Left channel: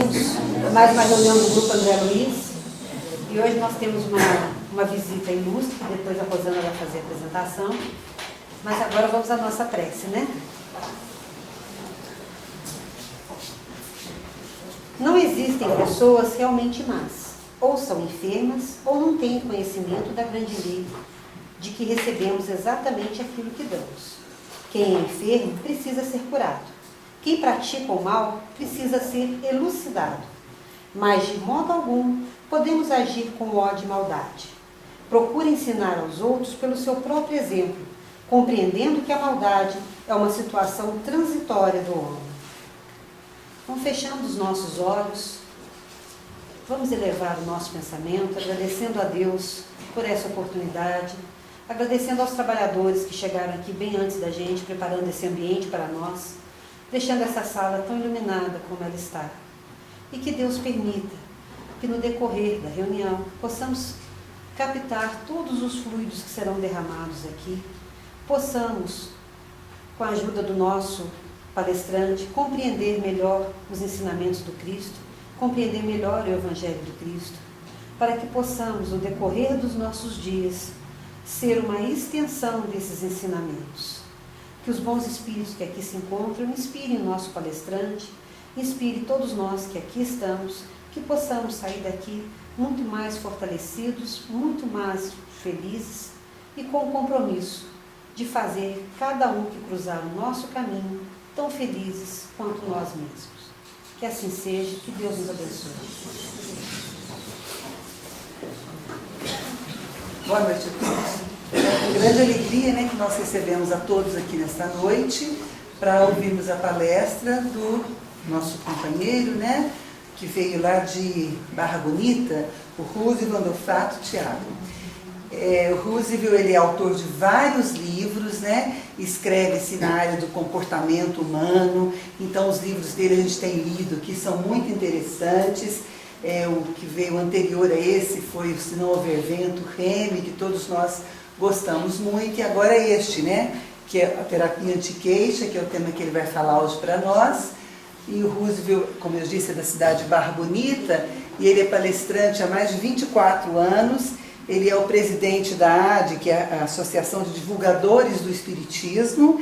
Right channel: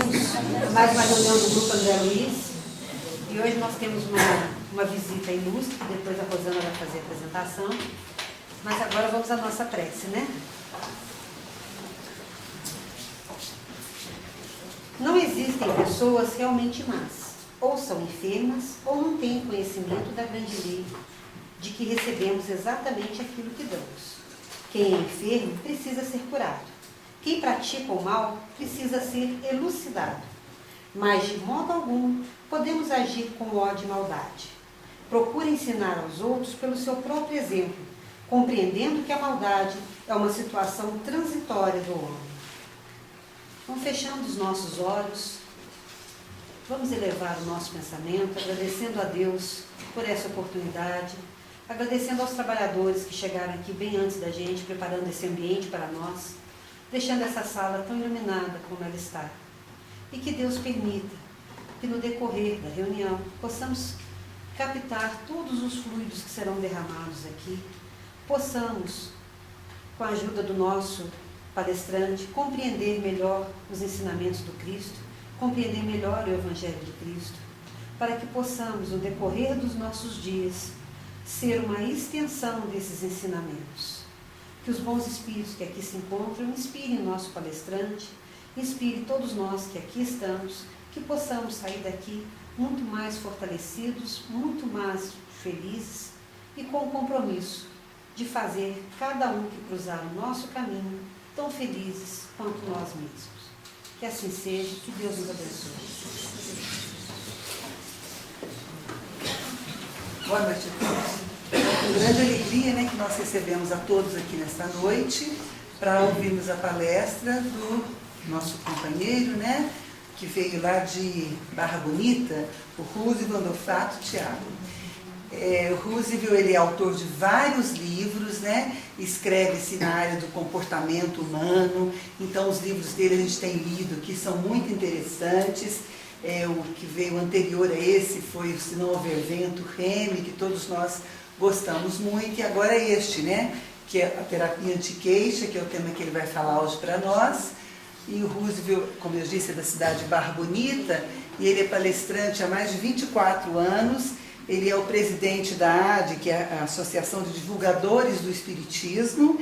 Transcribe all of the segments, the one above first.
bem-vindos a mais uma reunião do Grupo André Luiz. E hoje nós temos uma visita ilustre, depois a Rosana vai fazer a apresentação. Mas agora vamos à nossa prece, né? Não existem pessoas realmente más, ou são enfermas, ou não têm conhecimento da grande lei, de que recebemos exatamente aquilo que damos. Quem é enfermo precisa ser curado. Quem pratica o mal precisa ser elucidado. Mas, de modo algum, podemos agir com ódio e maldade. Procure ensinar aos outros pelo seu próprio exemplo, compreendendo que a maldade é uma situação transitória do homem. Então, fechando os nossos olhos, vamos elevar o nosso pensamento, agradecendo a Deus por essa oportunidade, agradecendo aos trabalhadores que chegaram aqui bem antes da gente, preparando esse ambiente para nós, deixando essa sala tão iluminada como ela está. E que Deus permita que no decorrer da reunião possamos captar todos os fluidos que serão derramados aqui, possamos, com a ajuda do nosso palestrante, compreender melhor os ensinamentos do Cristo, compreender melhor o Evangelho do Cristo, para que possamos, no decorrer dos nossos dias, ser uma extensão desses ensinamentos. Que os bons espíritos que aqui se encontram inspirem o nosso palestrante, inspire todos nós que aqui estamos, que possamos sair daqui muito mais fortalecidos, muito mais felizes e com o compromisso de fazer cada um que cruzar o nosso caminho tão felizes quanto nós mesmos. Que assim seja, que Deus nos abençoe. Boa noite a todos. É com grande alegria, né, que nós recebemos a todos aqui nesta noite para ouvirmos a palestra do nosso companheiro, né, que veio lá de Barra Bonita, o Roosevelt Andolfato Thiago. O Roosevelt, ele é autor de vários livros, né, escreve-se na área do comportamento humano, então os livros dele a gente tem lido, que são muito interessantes. O que veio anterior a esse foi o Se Não Houver Vento, Remy, que todos nós gostamos muito, e agora este, né, que é a terapia anti-queixa, que é o tema que ele vai falar hoje para nós. E o Roosevelt, como eu disse, é da cidade de Barra Bonita, e ele é palestrante há mais de 24 anos, ele é o presidente da AD, que é a Associação de Divulgadores do Espiritismo,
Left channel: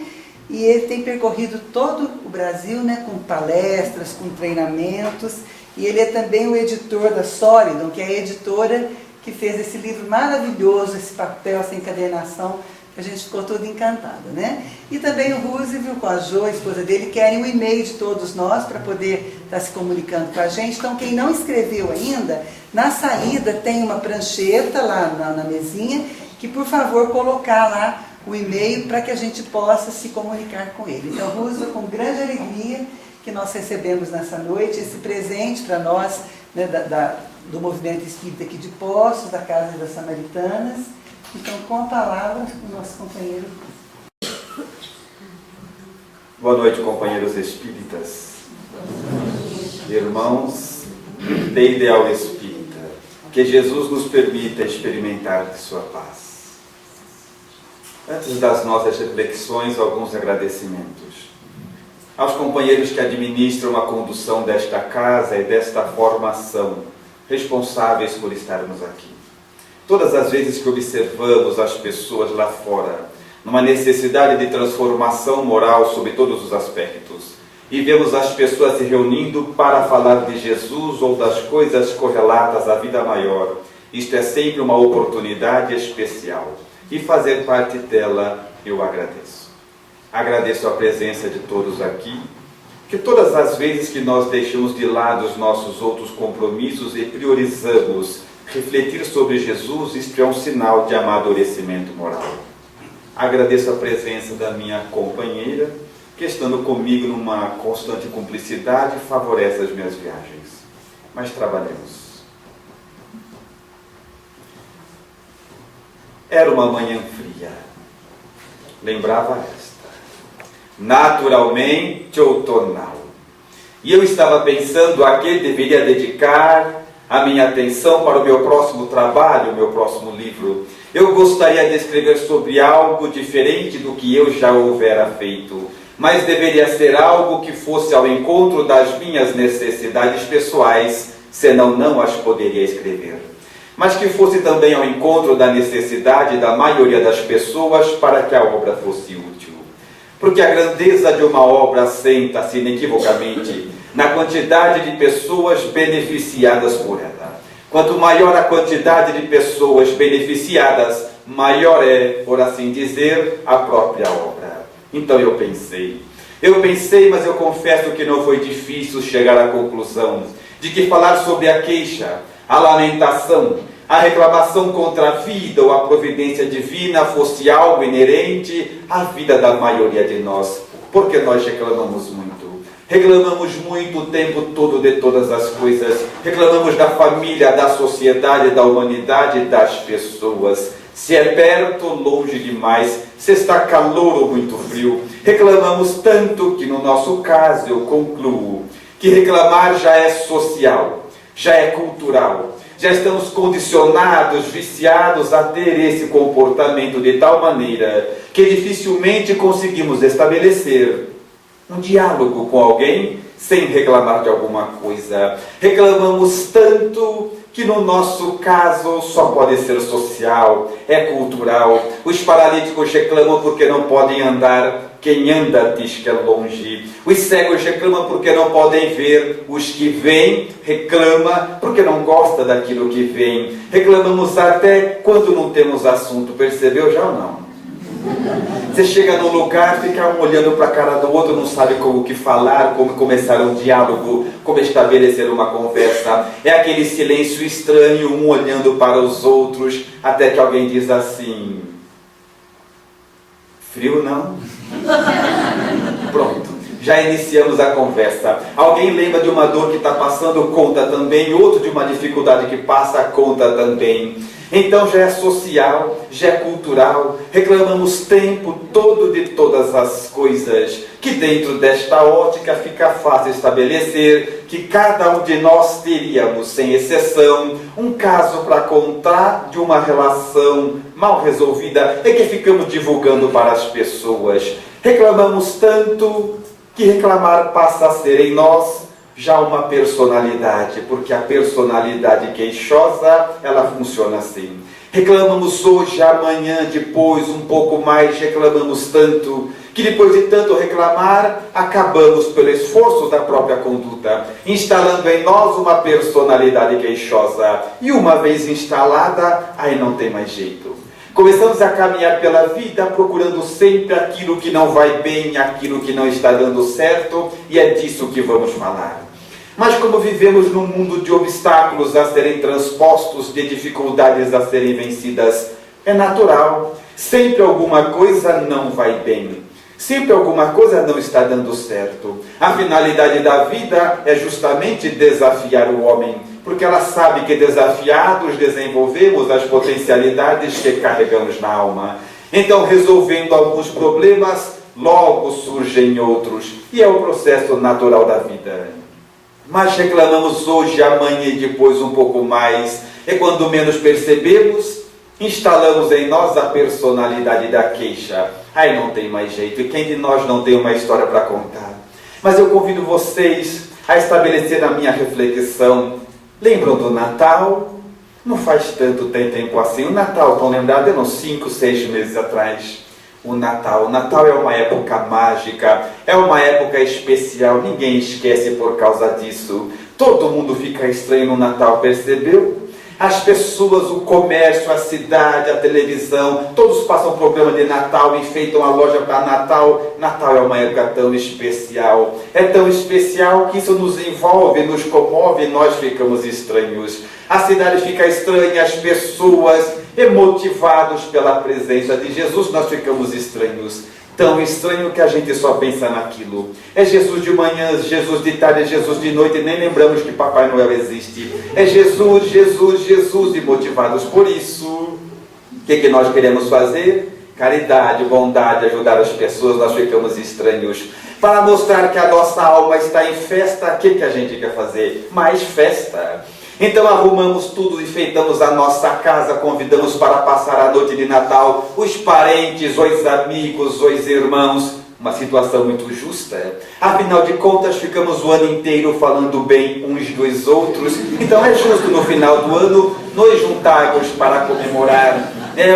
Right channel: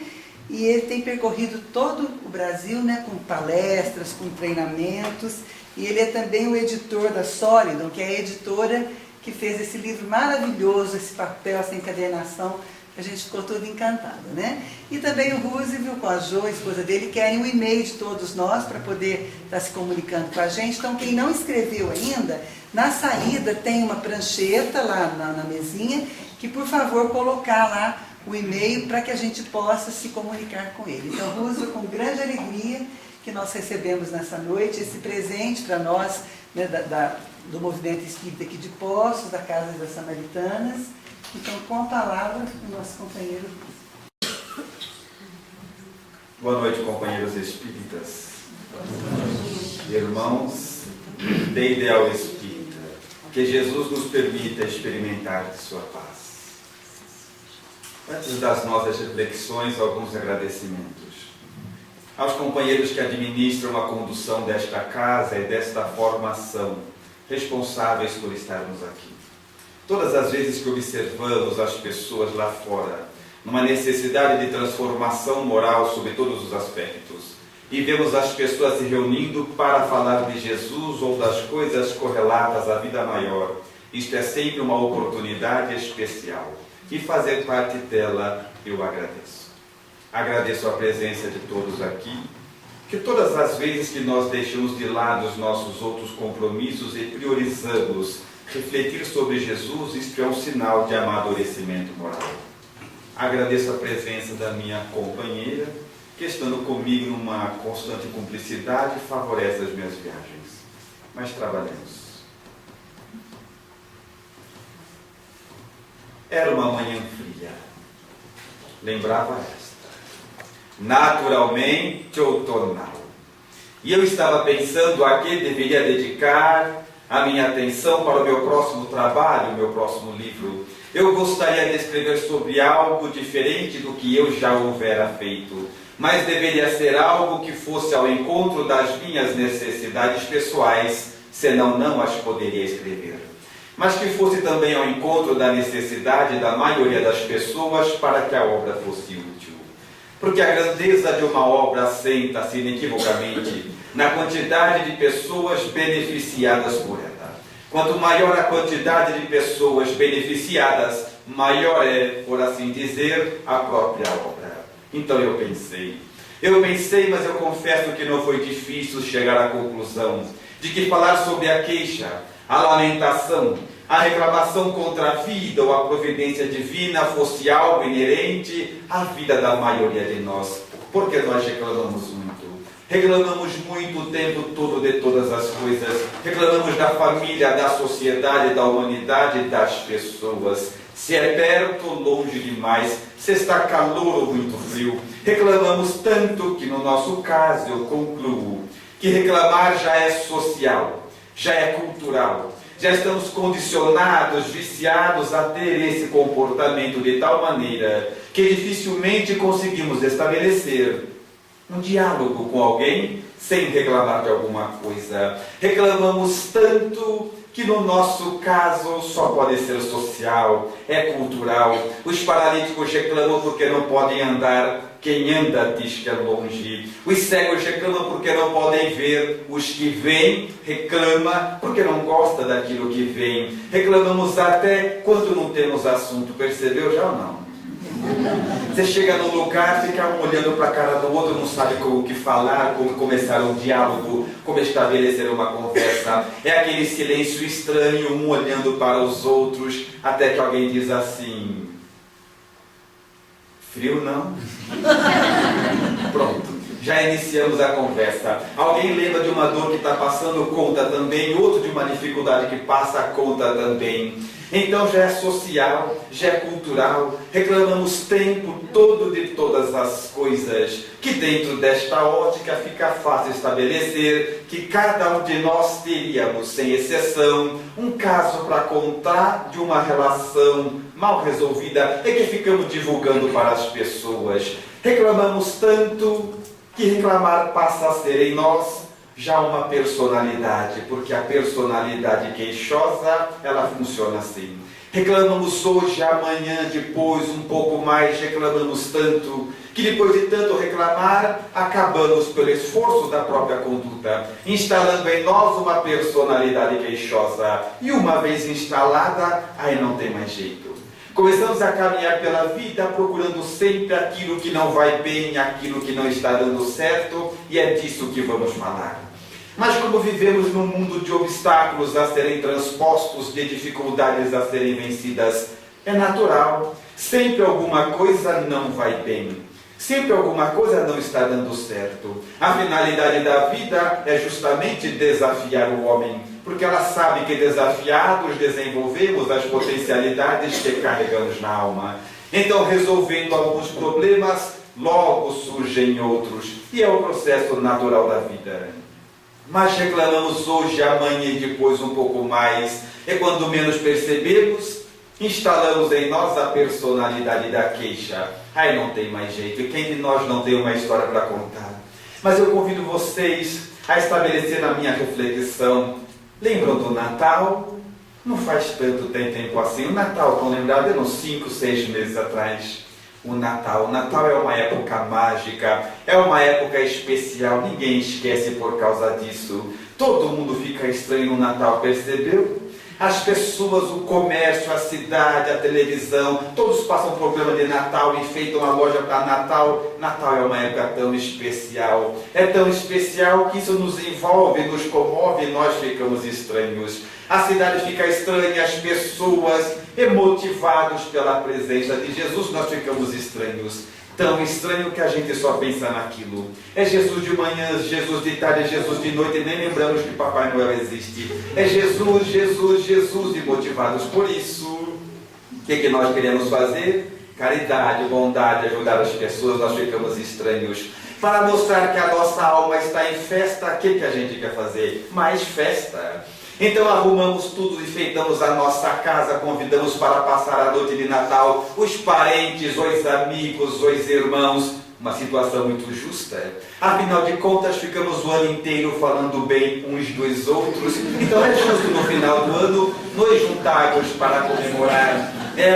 e ele tem percorrido todo o Brasil, né, com palestras, com treinamentos, e ele é também o editor da Solidon, que é a editora que fez esse livro maravilhoso, esse papel, essa encadernação, que a gente ficou todo encantado, né? E também o Roosevelt, com a Jo, a esposa dele, querem o e-mail de todos nós para poder estar se comunicando com a gente. Então, quem não escreveu ainda, na saída tem uma prancheta lá na mesinha, que por favor colocar lá o e-mail para que a gente possa se comunicar com ele. Então, Roosevelt, com grande alegria que nós recebemos nessa noite, esse presente para nós, né, do movimento espírita aqui de Poços, da Casa das Samaritanas. Então, com a palavra, o nosso companheiro. Boa noite, companheiros espíritas, irmãos de ideal espírita. Que Jesus nos permita experimentar de sua paz. Antes das nossas reflexões, alguns agradecimentos. Aos companheiros que administram a condução desta casa e desta formação, responsáveis por estarmos aqui. Todas as vezes que observamos as pessoas lá fora, numa necessidade de transformação moral sobre todos os aspectos, e vemos as pessoas se reunindo para falar de Jesus ou das coisas correlatas à vida maior, isto é sempre uma oportunidade especial, e fazer parte dela eu agradeço. Agradeço a presença de todos aqui, que todas as vezes que nós deixamos de lado os nossos outros compromissos e priorizamos refletir sobre Jesus, isto é um sinal de amadurecimento moral. Agradeço a presença da minha companheira, que estando comigo numa constante cumplicidade, favorece as minhas viagens. Mas trabalhemos. Era uma manhã fria. Lembrava esta. Naturalmente outonal. E eu estava pensando a que deveria dedicar a minha atenção para o meu próximo trabalho, o meu próximo livro. Eu gostaria de escrever sobre algo diferente do que eu já houvera feito, mas deveria ser algo que fosse ao encontro das minhas necessidades pessoais, senão não as poderia escrever. Mas que fosse também ao encontro da necessidade da maioria das pessoas para que a obra fosse útil. Porque a grandeza de uma obra assenta-se inequivocamente na quantidade de pessoas beneficiadas por ela. Quanto maior a quantidade de pessoas beneficiadas, maior é, por assim dizer, a própria obra. Então eu pensei, mas eu confesso que não foi difícil chegar à conclusão de que falar sobre a queixa, a lamentação, a reclamação contra a vida ou a providência divina fosse algo inerente à vida da maioria de nós, porque nós reclamamos muito. Reclamamos muito o tempo todo de todas as coisas. Reclamamos da família, da sociedade, da humanidade, das pessoas. Se é perto ou longe demais, se está calor ou muito frio. Reclamamos tanto que, no nosso caso, eu concluo que reclamar já é social, já é cultural. Já estamos condicionados, viciados a ter esse comportamento de tal maneira que dificilmente conseguimos estabelecer um diálogo com alguém sem reclamar de alguma coisa. Reclamamos tanto que no nosso caso só pode ser social, é cultural. Os paralíticos reclamam porque não podem andar, quem anda diz que é longe. Os cegos reclamam porque não podem ver, os que veem reclamam porque não gosta daquilo que veem. Reclamamos até quando não temos assunto, percebeu já ou não? Você chega num lugar, fica um olhando para a cara do outro, não sabe como que falar, como começar um diálogo, como estabelecer uma conversa. É aquele silêncio estranho, um olhando para os outros, até que alguém diz assim: frio não? Pronto, já iniciamos a conversa. Alguém lembra de uma dor que está passando, conta também. Outro de uma dificuldade que passa, conta também. Então já é social, já é cultural. Reclamamos o tempo todo de todas as coisas, que dentro desta ótica fica fácil estabelecer que cada um de nós teríamos, sem exceção, um caso para contar de uma relação mal resolvida e que ficamos divulgando para as pessoas. Reclamamos tanto que reclamar passa a ser em nós já uma personalidade, porque a personalidade queixosa, ela funciona assim. Reclamamos hoje, amanhã, depois, um pouco mais, reclamamos tanto, que depois de tanto reclamar, acabamos pelo esforço da própria conduta, instalando em nós uma personalidade queixosa. E uma vez instalada, aí não tem mais jeito. Começamos a caminhar pela vida procurando sempre aquilo que não vai bem, aquilo que não está dando certo, e é disso que vamos falar. Mas como vivemos num mundo de obstáculos a serem transpostos, de dificuldades a serem vencidas, é natural. Sempre alguma coisa não vai bem. Sempre alguma coisa não está dando certo. A finalidade da vida é justamente desafiar o homem, porque ela sabe que desafiados desenvolvemos as potencialidades que carregamos na alma. Então, resolvendo alguns problemas, logo surgem outros. E é o processo natural da vida. Mas reclamamos hoje, amanhã e depois um pouco mais. E quando menos percebemos, instalamos em nós a personalidade da queixa. Aí não tem mais jeito. E quem de nós não tem uma história para contar? Mas eu convido vocês a estabelecer na minha reflexão. Lembram do Natal? Não faz tanto tempo assim. O Natal, estão lembrados? Eram 5, 6 meses atrás. O Natal é uma época mágica, é uma época especial, ninguém esquece por causa disso. Todo mundo fica estranho no Natal, percebeu? As pessoas, o comércio, a cidade, a televisão, todos passam programa de Natal, enfeitam a loja para Natal. Natal é uma época tão especial. É tão especial que isso nos envolve, nos comove e nós ficamos estranhos. A cidade fica estranha, as pessoas, emotivados pela presença de Jesus, nós ficamos estranhos. Tão estranho que a gente só pensa naquilo. É Jesus de manhã, Jesus de tarde, é Jesus de noite, e nem lembramos que Papai Noel existe. É Jesus, Jesus, Jesus, e motivados por isso. O que nós queremos fazer? Caridade, bondade, ajudar as pessoas, nós ficamos estranhos. Para mostrar que a nossa alma está em festa, o que a gente quer fazer? Mais festa. Então arrumamos tudo, enfeitamos a nossa casa, convidamos para passar a noite de Natal os parentes, os amigos, os irmãos, uma situação muito justa. Afinal de contas, ficamos o ano inteiro falando bem uns dos outros. Então é justo no final do ano nos juntarmos para comemorar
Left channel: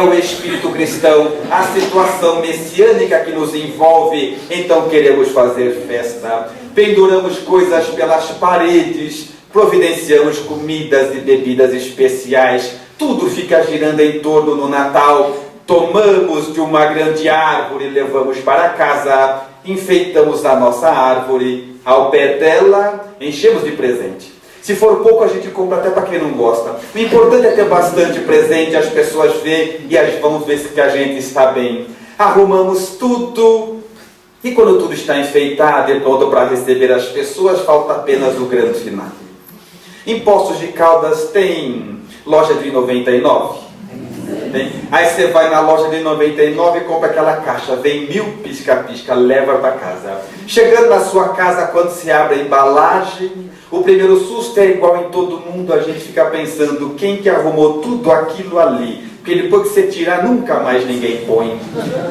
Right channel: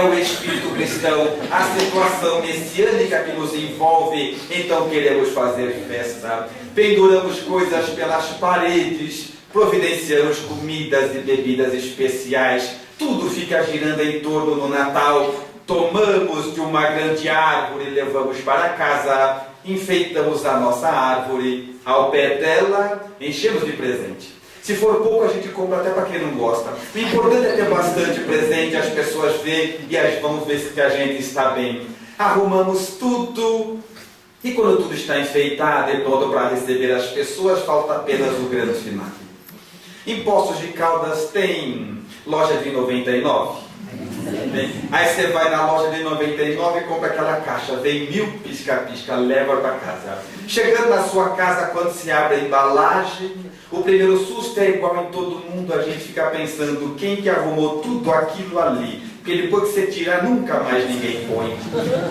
o espírito cristão, a situação messiânica que nos envolve. Então queremos fazer festa. Penduramos coisas pelas paredes, providenciamos comidas e bebidas especiais. Tudo fica girando em torno do Natal. Tomamos de uma grande árvore, levamos para casa, enfeitamos a nossa árvore, ao pé dela enchemos de presente. Se for pouco, a gente compra até para quem não gosta. O importante é ter bastante presente, as pessoas veem e vão ver que a gente está bem. Arrumamos tudo e quando tudo está enfeitado e pronto para receber as pessoas, falta apenas o grande final. Em Poços de Caldas tem loja de 99. Aí você vai na loja de 99 e compra aquela caixa, vem 1000 pisca-pisca, leva para casa. Chegando na sua casa, quando se abre a embalagem, o primeiro susto é igual em todo mundo, a gente fica pensando quem que arrumou tudo aquilo ali, porque depois que você tirar, nunca mais ninguém põe.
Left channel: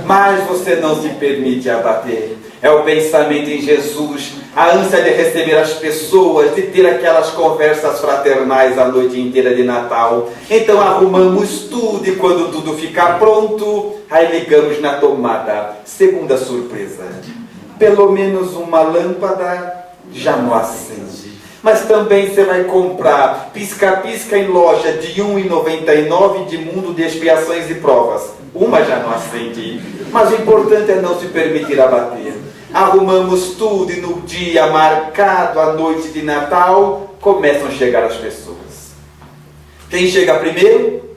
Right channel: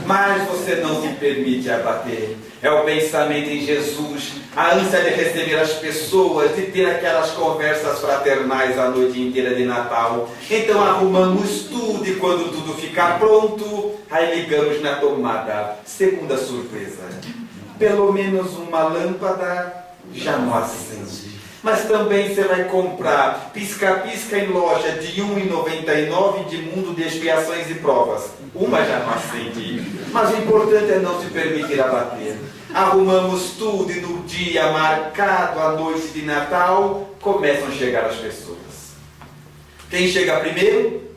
Mas você não se permite abater. É o pensamento em Jesus, a ânsia de receber as pessoas, de ter aquelas conversas fraternais a noite inteira de Natal. Então arrumamos tudo e quando tudo ficar pronto, aí ligamos na tomada. Segunda surpresa. Pelo menos uma lâmpada já não acende. Mas também você vai comprar pisca-pisca em loja de R$ 1,99 de mundo de expiações e provas. Uma já não acende. Mas o importante é não se permitir abater. Arrumamos tudo e no dia marcado, à noite de Natal, começam a chegar as pessoas. Quem chega primeiro?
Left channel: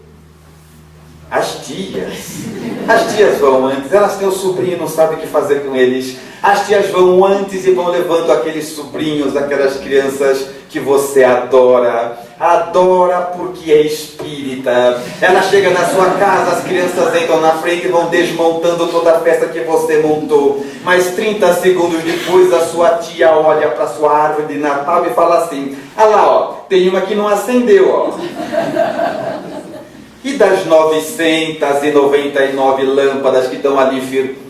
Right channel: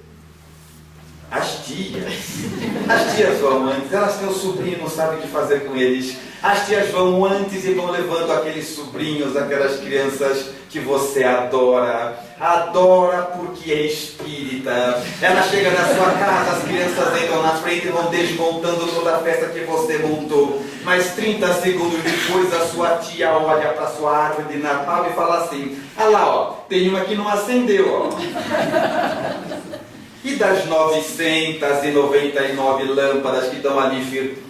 As tias. As tias vão antes, elas têm o sobrinho e não sabem o que fazer com eles. As tias vão antes e vão levando aqueles sobrinhos, aquelas crianças que você adora. Adora porque é espírita. Ela chega na sua casa, as crianças entram na frente e vão desmontando toda a festa que você montou. Mas 30 segundos depois a sua tia olha para a sua árvore de Natal e fala assim: ah lá, ó, tem uma que não acendeu, ó. E das 999 lâmpadas que estão ali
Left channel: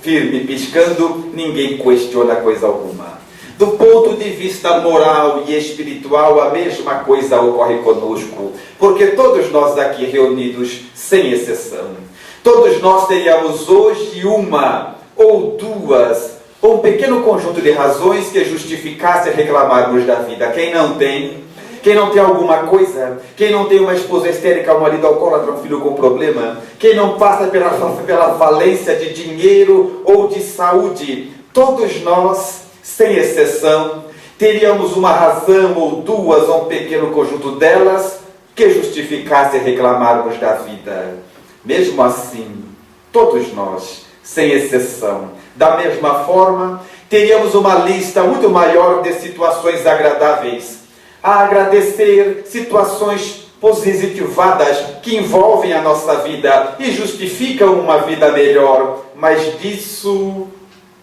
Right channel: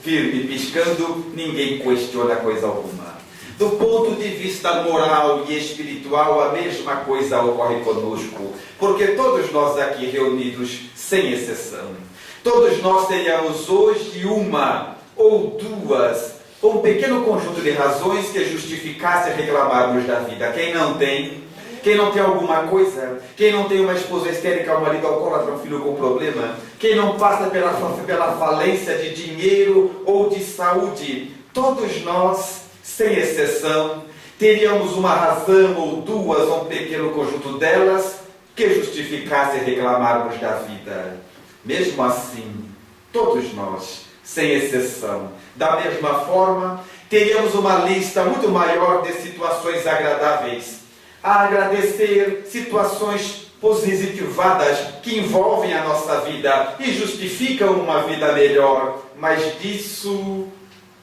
firme piscando, ninguém questiona coisa alguma. Do ponto de vista moral e espiritual, a mesma coisa ocorre conosco, porque todos nós aqui reunidos, sem exceção, todos nós teríamos hoje uma ou duas, ou um pequeno conjunto de razões que justificasse reclamarmos da vida. Quem não tem? Quem não tem alguma coisa? Quem não tem uma esposa histérica, um marido alcoólatra, um filho com problema? Quem não passa pela falência de dinheiro ou de saúde? Todos nós, sem exceção, teríamos uma razão ou duas, ou um pequeno conjunto delas, que justificasse reclamarmos da vida. Mesmo assim, todos nós, sem exceção, da mesma forma, teríamos uma lista muito maior de situações agradáveis a agradecer, situações positivadas que envolvem a nossa vida e justificam uma vida melhor. Mas disso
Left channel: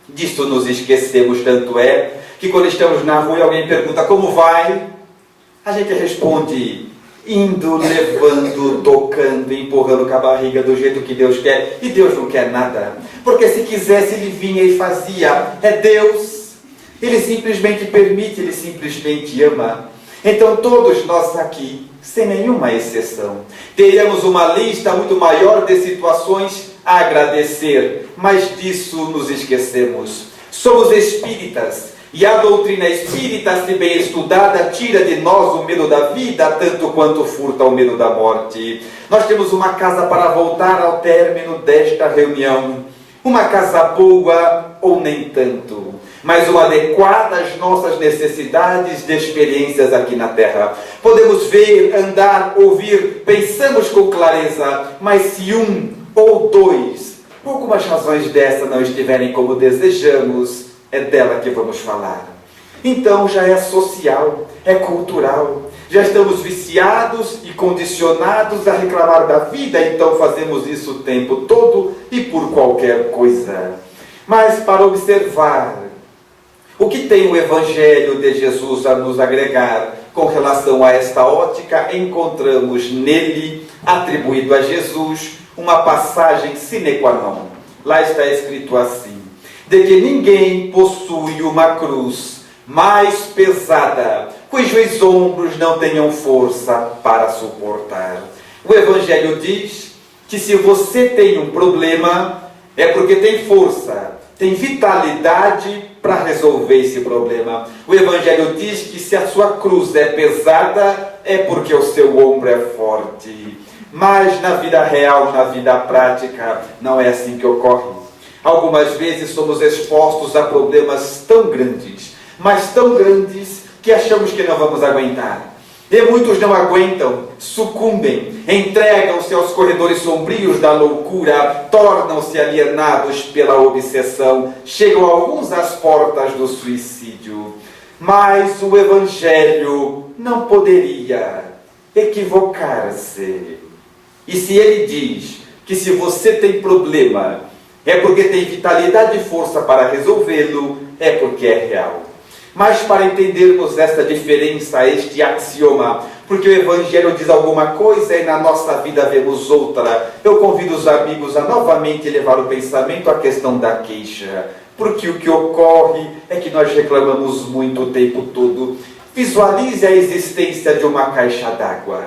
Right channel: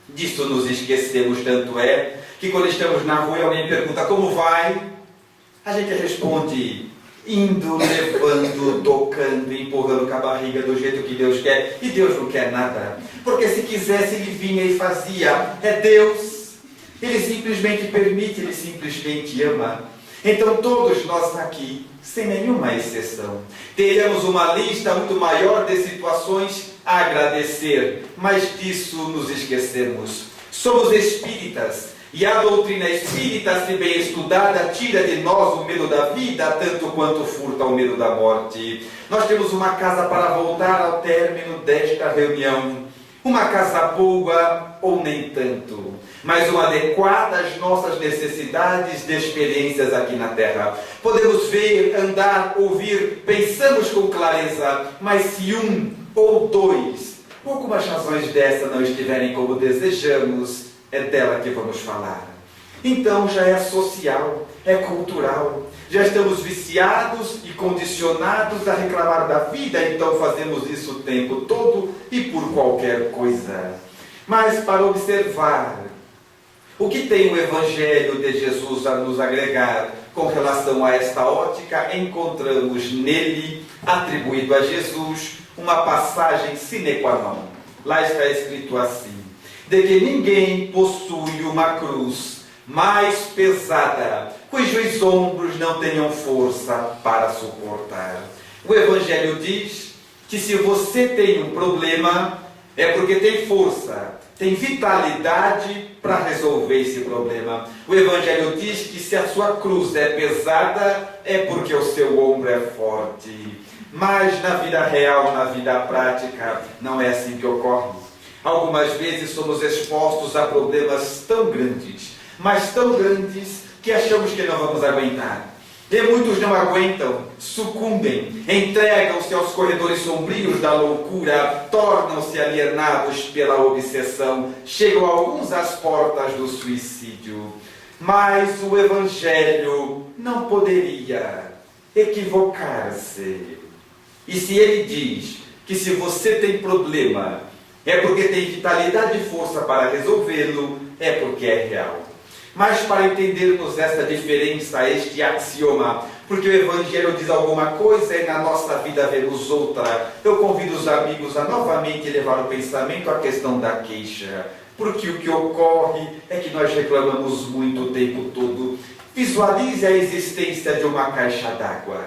nos esquecemos. Tanto é que quando estamos na rua e alguém pergunta como vai, a gente responde indo, levando, tocando, empurrando com a barriga do jeito que Deus quer. E Deus não quer nada, porque se quisesse Ele vinha e fazia. É Deus, Ele simplesmente permite, Ele simplesmente ama. Então todos nós aqui, sem nenhuma exceção, teríamos uma lista muito maior de situações a agradecer, mas disso nos esquecemos. Somos espíritas, e a doutrina espírita, se bem estudada, tira de nós o medo da vida, tanto quanto furta o medo da morte. Nós temos uma casa para voltar ao término desta reunião, uma casa boa ou nem tanto, mas uma adequada às nossas necessidades de experiências aqui na Terra. Podemos ver, andar, ouvir, pensamos com clareza, mas se um ou dois, por algumas razões dessa, não estiverem como desejamos, é dela que vamos falar. Então já é social, é cultural. Já estamos viciados e condicionados a reclamar da vida, então fazemos isso o tempo todo e por qualquer coisa. Mas para observar o que tem o Evangelho de Jesus a nos agregar com relação a esta ótica, encontramos nele, atribuído a Jesus, uma passagem sine qua non. Lá está escrito assim: de que ninguém possui uma cruz mais pesada, cujos ombros não tenham força para suportar. O Evangelho diz que se você tem um problema, é porque tem força, tem vitalidade para resolver esse problema. O Evangelho diz que se a sua cruz é pesada, é porque o seu ombro é forte. Mas na vida real, na vida prática, não é assim que ocorre. Algumas vezes somos expostos a problemas tão grandes, mas tão grandes que achamos que não vamos aguentar. E muitos não aguentam, sucumbem, entregam-se aos corredores sombrios da loucura, tornam-se alienados pela obsessão, chegam alguns às portas do suicídio. Mas o Evangelho não poderia equivocar-se. E se ele diz que se você tem problema, é porque tem vitalidade e força para resolvê-lo, é porque é real. Mas para entendermos esta diferença, este axioma, porque o Evangelho diz alguma coisa e na nossa vida vemos outra, eu convido os amigos a novamente levar o pensamento à questão da queixa. Porque o que ocorre é que nós reclamamos muito o tempo todo. Visualize a existência de uma caixa d'água.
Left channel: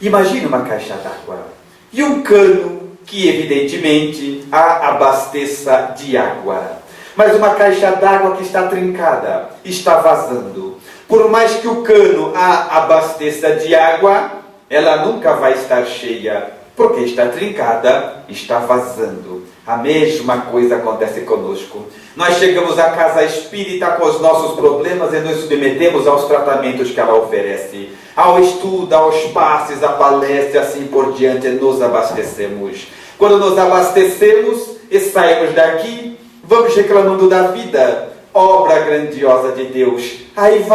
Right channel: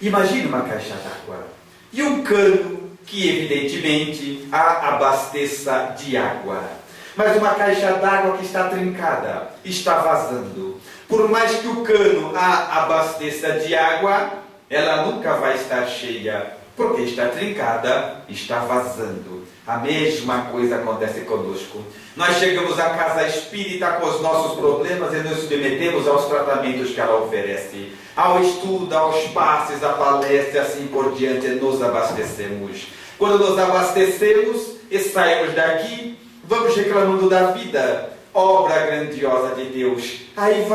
Imagine uma caixa d'água e um cano que evidentemente a abasteça de água. Mas uma caixa d'água que está trincada, está vazando. Por mais que o cano a abasteça de água, ela nunca vai estar cheia, porque está trincada, está vazando. A mesma coisa acontece conosco. Nós chegamos à casa espírita com os nossos problemas e nos submetemos aos tratamentos que ela oferece. Ao estudo, aos passes, à palestra e assim por diante, nos abastecemos. Quando nos abastecemos e saímos daqui, vamos reclamando da vida, obra grandiosa de Deus. Aí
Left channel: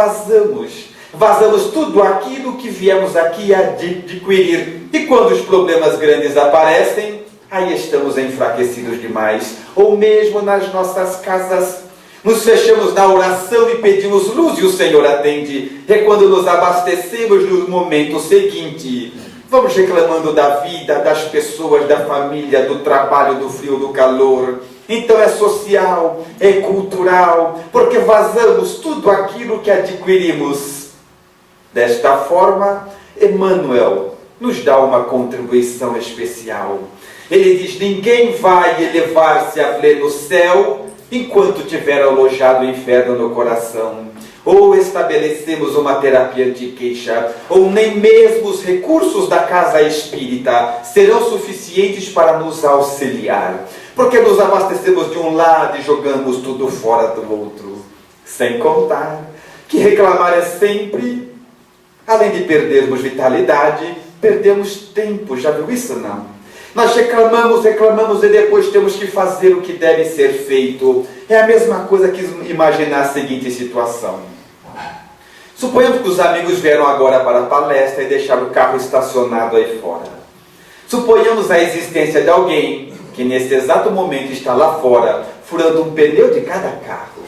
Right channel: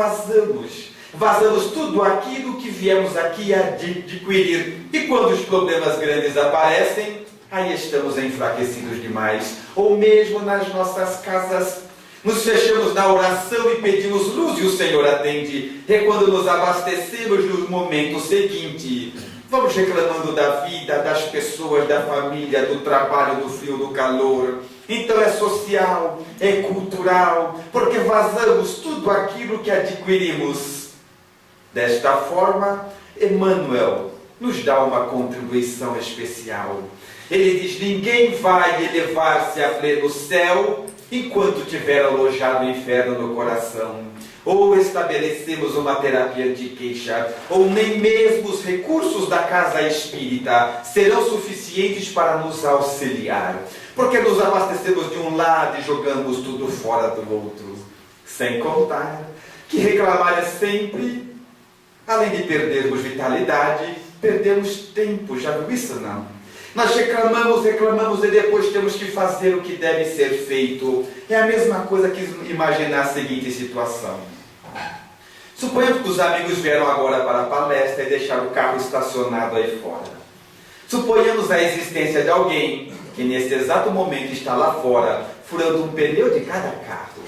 vazamos tudo aquilo que viemos aqui a adquirir. E quando os problemas grandes aparecem, aí estamos enfraquecidos demais. Ou mesmo nas nossas casas, nos fechamos na oração e pedimos luz e o Senhor atende. É quando nos abastecemos no momento seguinte. Vamos reclamando da vida, das pessoas, da família, do trabalho, do frio, do calor. Então é social, é cultural, porque vazamos tudo aquilo que adquirimos. Desta forma, Emmanuel nos dá uma contribuição especial. Ele diz: ninguém vai elevar-se a pleno céu enquanto tiver alojado o inferno no coração. Ou estabelecemos uma terapia de queixa, ou nem mesmo os recursos da casa espírita serão suficientes para nos auxiliar. Porque nos abastecemos de um lado e jogamos tudo fora do outro. Sem contar que reclamar é sempre, além de perdermos vitalidade, perdemos tempo. Já viu isso, não? Nós reclamamos e depois temos que fazer o que deve ser feito. É a mesma coisa que imaginar a seguinte situação. Suponhamos que os amigos vieram agora para a palestra e deixaram o carro estacionado aí fora. Suponhamos a existência de alguém que nesse exato momento está lá fora, furando um pneu de cada carro.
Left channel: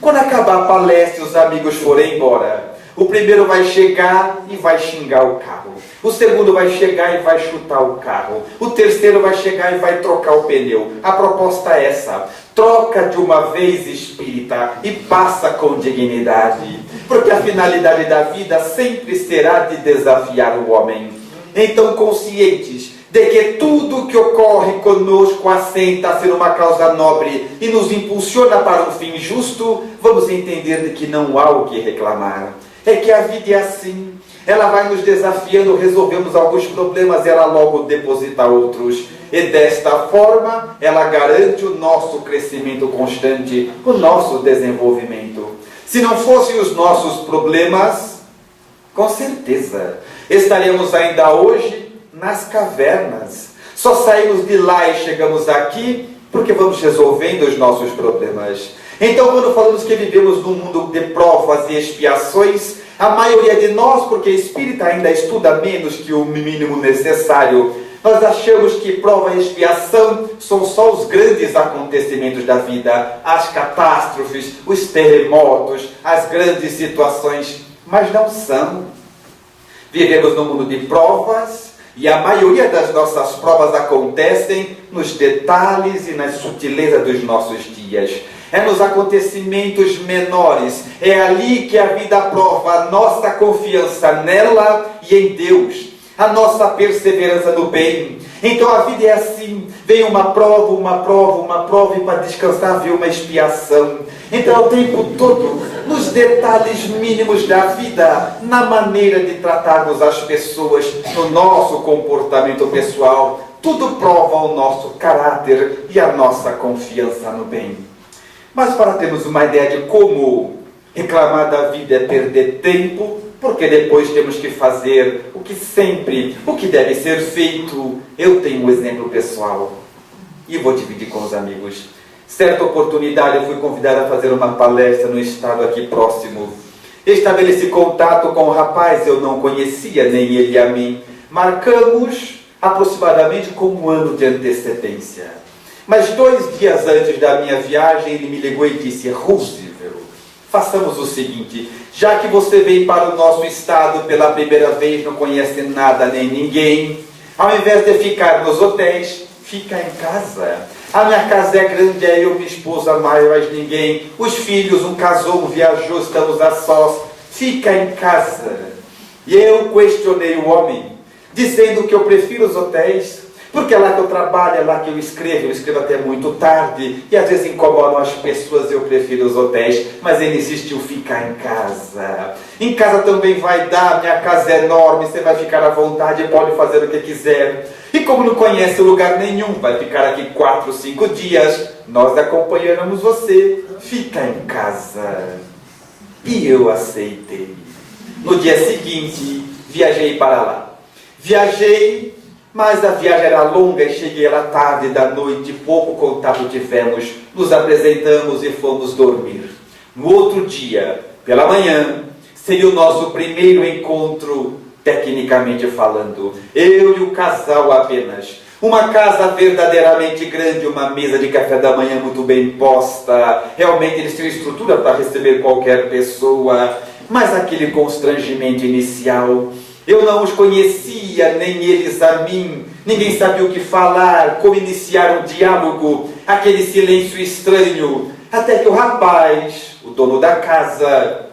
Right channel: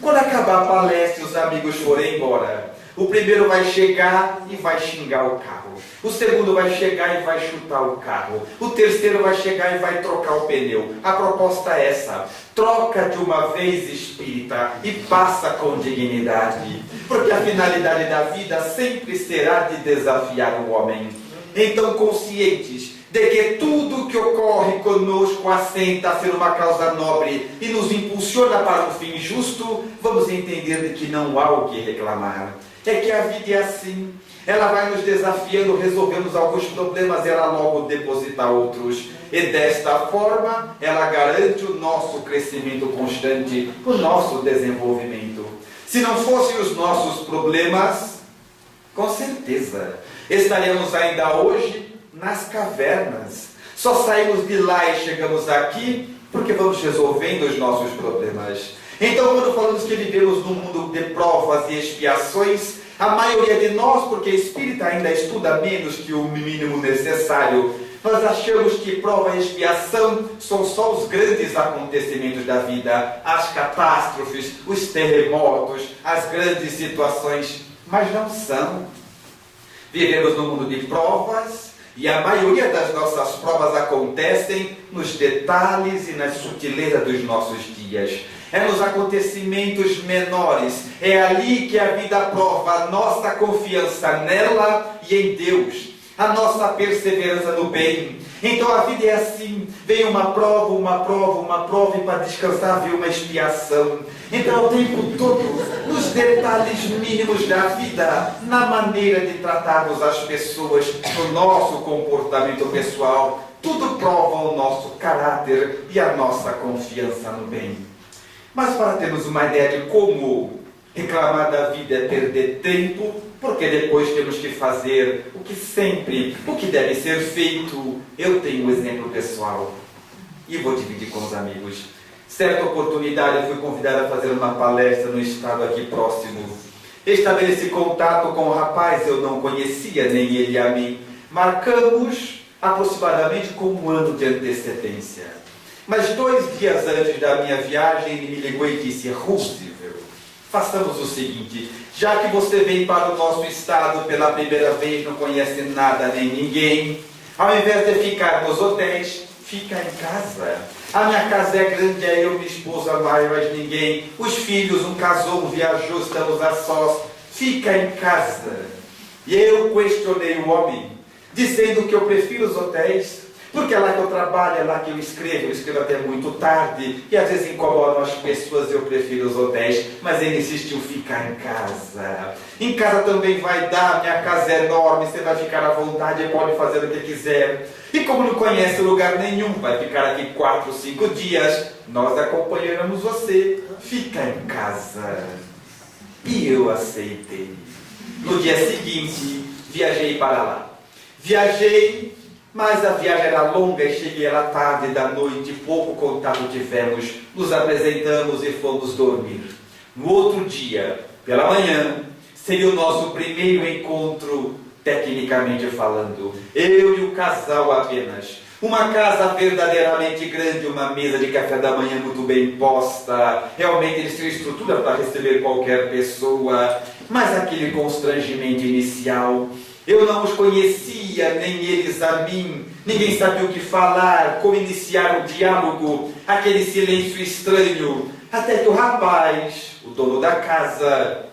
Quando acabar a palestra e os amigos forem embora, o primeiro vai chegar e vai xingar o carro. O segundo vai chegar e vai chutar o carro. O terceiro vai chegar e vai trocar o pneu. A proposta é essa: troca de uma vez, espírita, e passa com dignidade. Porque a finalidade da vida sempre será de desafiar o homem. Então, conscientes de que tudo que ocorre conosco assenta-se numa causa nobre e nos impulsiona para um fim justo, vamos entender de que não há o que reclamar. É que a vida é assim. Ela vai nos desafiando, resolvemos alguns problemas, ela logo deposita outros. E desta forma, ela garante o nosso crescimento constante, o nosso desenvolvimento. Se não fossem os nossos problemas, com certeza, estaremos ainda hoje nas cavernas. Só saímos de lá e chegamos aqui porque vamos resolvendo os nossos problemas. Então, quando falamos que vivemos num mundo de provas e expiações, a maioria de nós, porque espírita ainda estuda menos que o mínimo necessário, nós achamos que prova e expiação são só os grandes acontecimentos da vida, as catástrofes, os terremotos, as grandes situações, mas não são. Vivemos num mundo de provas, E a maioria das nossas provas acontecem nos detalhes e nas sutilezas dos nossos dias. É nos acontecimentos menores. É ali que a vida prova a nossa confiança nela e em Deus. A nossa perseverança no bem. Então a vida é assim. Vem uma prova, e para descansar vem uma expiação. Então o tempo todo, nos detalhes mínimos da vida, na maneira de tratarmos as pessoas, no nosso comportamento pessoal, tudo prova o nosso caráter e a nossa confiança no bem. Mas para termos uma ideia de como reclamar da vida é perder tempo, porque depois temos que fazer o que deve ser feito, eu tenho um exemplo pessoal e vou dividir com os amigos. Certa oportunidade eu fui convidado a fazer uma palestra no estado aqui próximo. Estabeleci contato com o rapaz, eu não conhecia nem ele a mim. Marcamos aproximadamente com um ano de antecedência. Mas 2 dias antes da minha viagem, ele me ligou e disse: Roosevelt, façamos o seguinte, já que você vem para o nosso estado pela primeira vez, não conhece nada nem ninguém, ao invés de ficar nos hotéis, fica em casa. A minha casa é grande, é eu, minha esposa, mais ninguém. Os filhos, um casou, um viajou, estamos a sós. Fica em casa. E eu questionei o homem, dizendo que eu prefiro os hotéis, porque é lá que eu trabalho, é lá que eu escrevo até muito tarde, e às vezes incomodam as pessoas, eu prefiro os hotéis, mas ele insistiu, ficar em casa. Em casa também vai dar, minha casa é enorme, você vai ficar à vontade, pode fazer o que quiser. E como não conhece lugar nenhum, vai ficar aqui 4, 5 dias, nós acompanhamos você, fica em casa. E eu aceitei. No dia seguinte, viajei para lá. Mas a viagem era longa e cheguei lá tarde da noite, pouco contato tivemos, nos apresentamos e fomos dormir. No outro dia, pela manhã, seria o nosso primeiro encontro, tecnicamente falando. Eu e o casal apenas. Uma casa verdadeiramente grande, uma mesa de café da manhã muito bem posta. Realmente eles tinham estrutura para receber qualquer pessoa, mas aquele constrangimento inicial... Eu não os conhecia, nem eles a mim. Ninguém sabia o que falar, como iniciar um diálogo. Aquele silêncio estranho. Até que o rapaz, o dono da casa,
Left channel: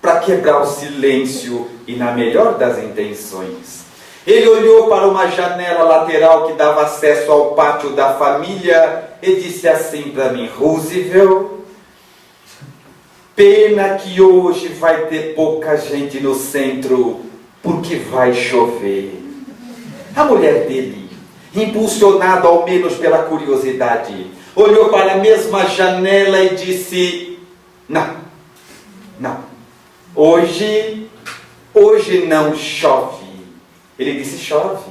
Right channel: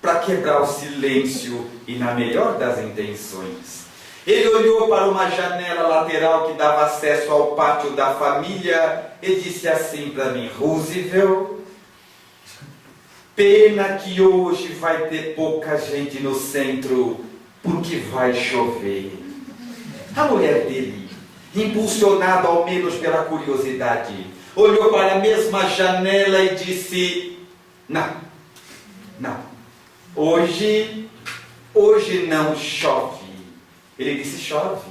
para quebrar o silêncio e na melhor das intenções, ele olhou para uma janela lateral que dava acesso ao pátio da família e disse assim para mim: Roosevelt, pena que hoje vai ter pouca gente no centro, porque vai chover. A mulher dele, impulsionada ao menos pela curiosidade, olhou para a mesma janela e disse: não, hoje não chove. Ele disse: chove.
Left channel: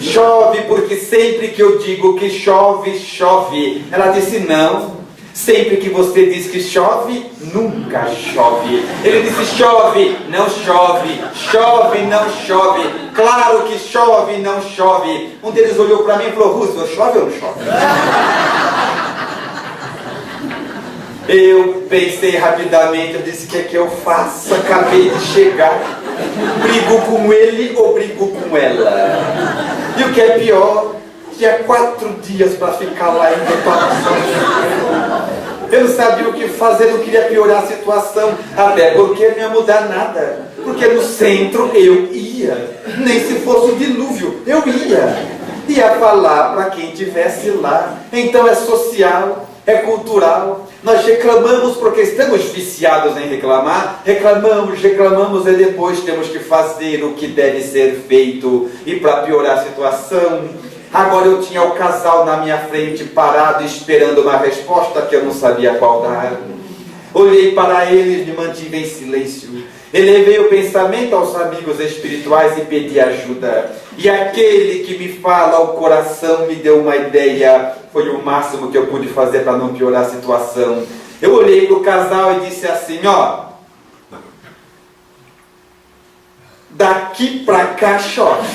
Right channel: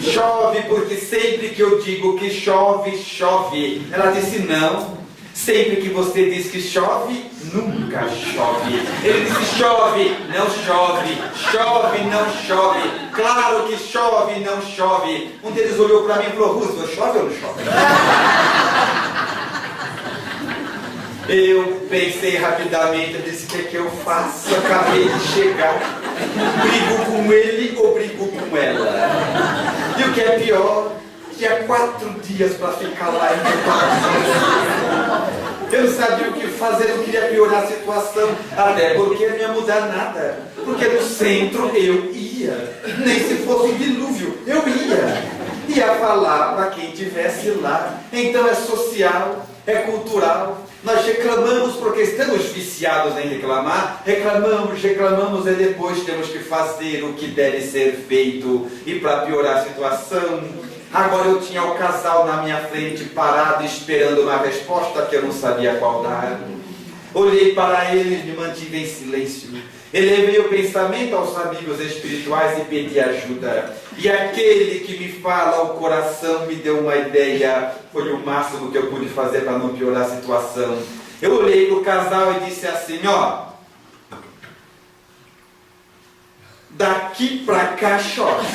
Chove porque sempre que eu digo que chove, chove. Ela disse: não. Sempre que você diz que chove, nunca chove. Ele disse: chove, não chove. Chove, não chove. Claro que chove, não chove. Um deles olhou para mim e falou: Roosevelt, chove ou não chove? Eu pensei rapidamente, eu disse: o que é que eu faço? Acabei de chegar. Brigo com ele ou brigo com ela? E o que é pior, tinha 4 dias para ficar lá em preparação. Eu não sabia o que fazer, não queria piorar a situação, até porque não ia mudar nada. Porque no centro eu ia, nem se fosse um dilúvio, eu ia falar para quem estivesse lá. Então é social, é cultural. Nós reclamamos porque estamos viciados em reclamar. Reclamamos e depois temos que fazer o que deve ser feito. E para piorar a situação, agora eu tinha o casal na minha frente parado esperando uma resposta que eu não sabia qual dar. Olhei para eles, me mantive em silêncio. Elevei o pensamento aos amigos espirituais e pedi ajuda. E aquele que me fala ao coração me deu uma ideia. Foi o máximo que eu pude fazer para não piorar a situação. Eu olhei para o casal e disse assim: ó, daqui para cá chove.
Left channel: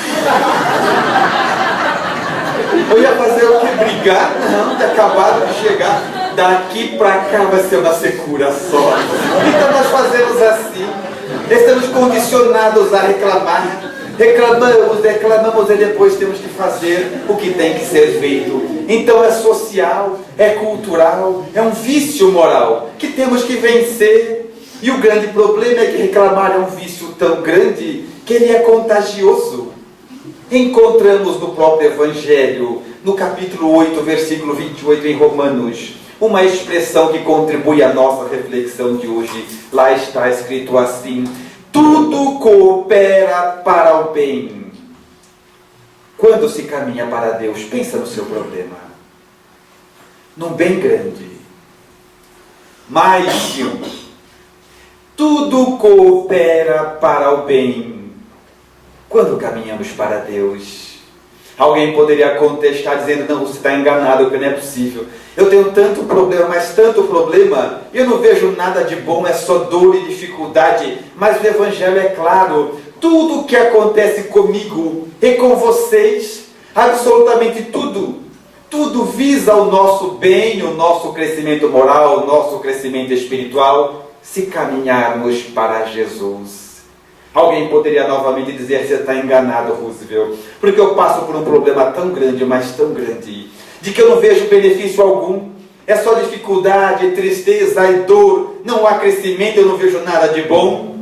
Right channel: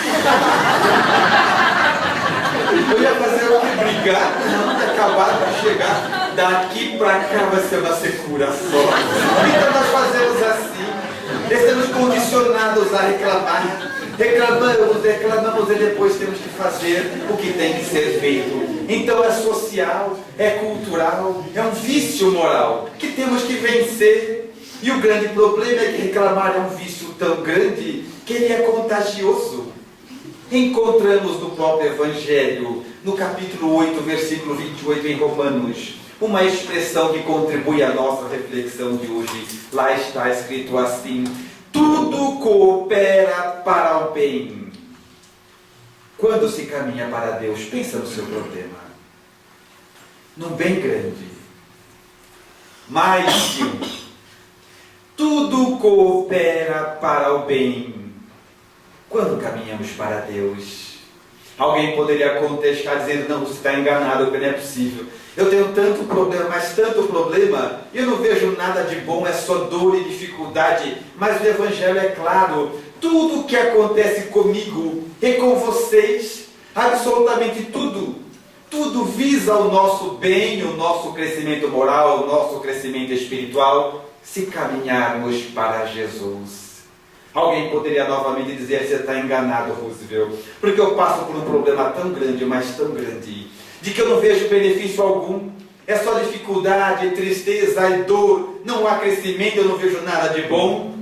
Eu ia fazer o que? Brigar? Não, tinha acabado de chegar. Daqui para cá vai ser uma secura só. Então nós fazemos assim. Estamos condicionados a reclamar. Reclamamos e depois temos que fazer o que tem que ser feito. Então é social, é cultural, é um vício moral que temos que vencer. E o grande problema é que reclamar é um vício tão grande que ele é contagioso. Encontramos no próprio Evangelho, no capítulo 8, versículo 28 em Romanos, uma expressão que contribui à nossa reflexão de hoje. Lá está escrito assim: tudo coopera para o bem. Quando se caminha para Deus, pensa no seu problema, num bem grande, mais que um. Tudo coopera para o bem quando caminhamos para Deus. Alguém poderia contestar dizendo: não, você está enganado, que não é possível. Eu tenho tanto problema, mas tanto problema, eu não vejo nada de bom, é só dor e dificuldade. Mas o Evangelho é claro: tudo o que acontece comigo e com vocês, absolutamente tudo visa o nosso bem, o nosso crescimento moral, o nosso crescimento espiritual, se caminharmos para Jesus. Alguém poderia novamente dizer: você está enganado, Roosevelt, porque eu passo por um problema tão grande, mas tão grande, de que eu não vejo benefício algum. É só dificuldade, tristeza e dor, não há crescimento, eu não vejo nada de bom.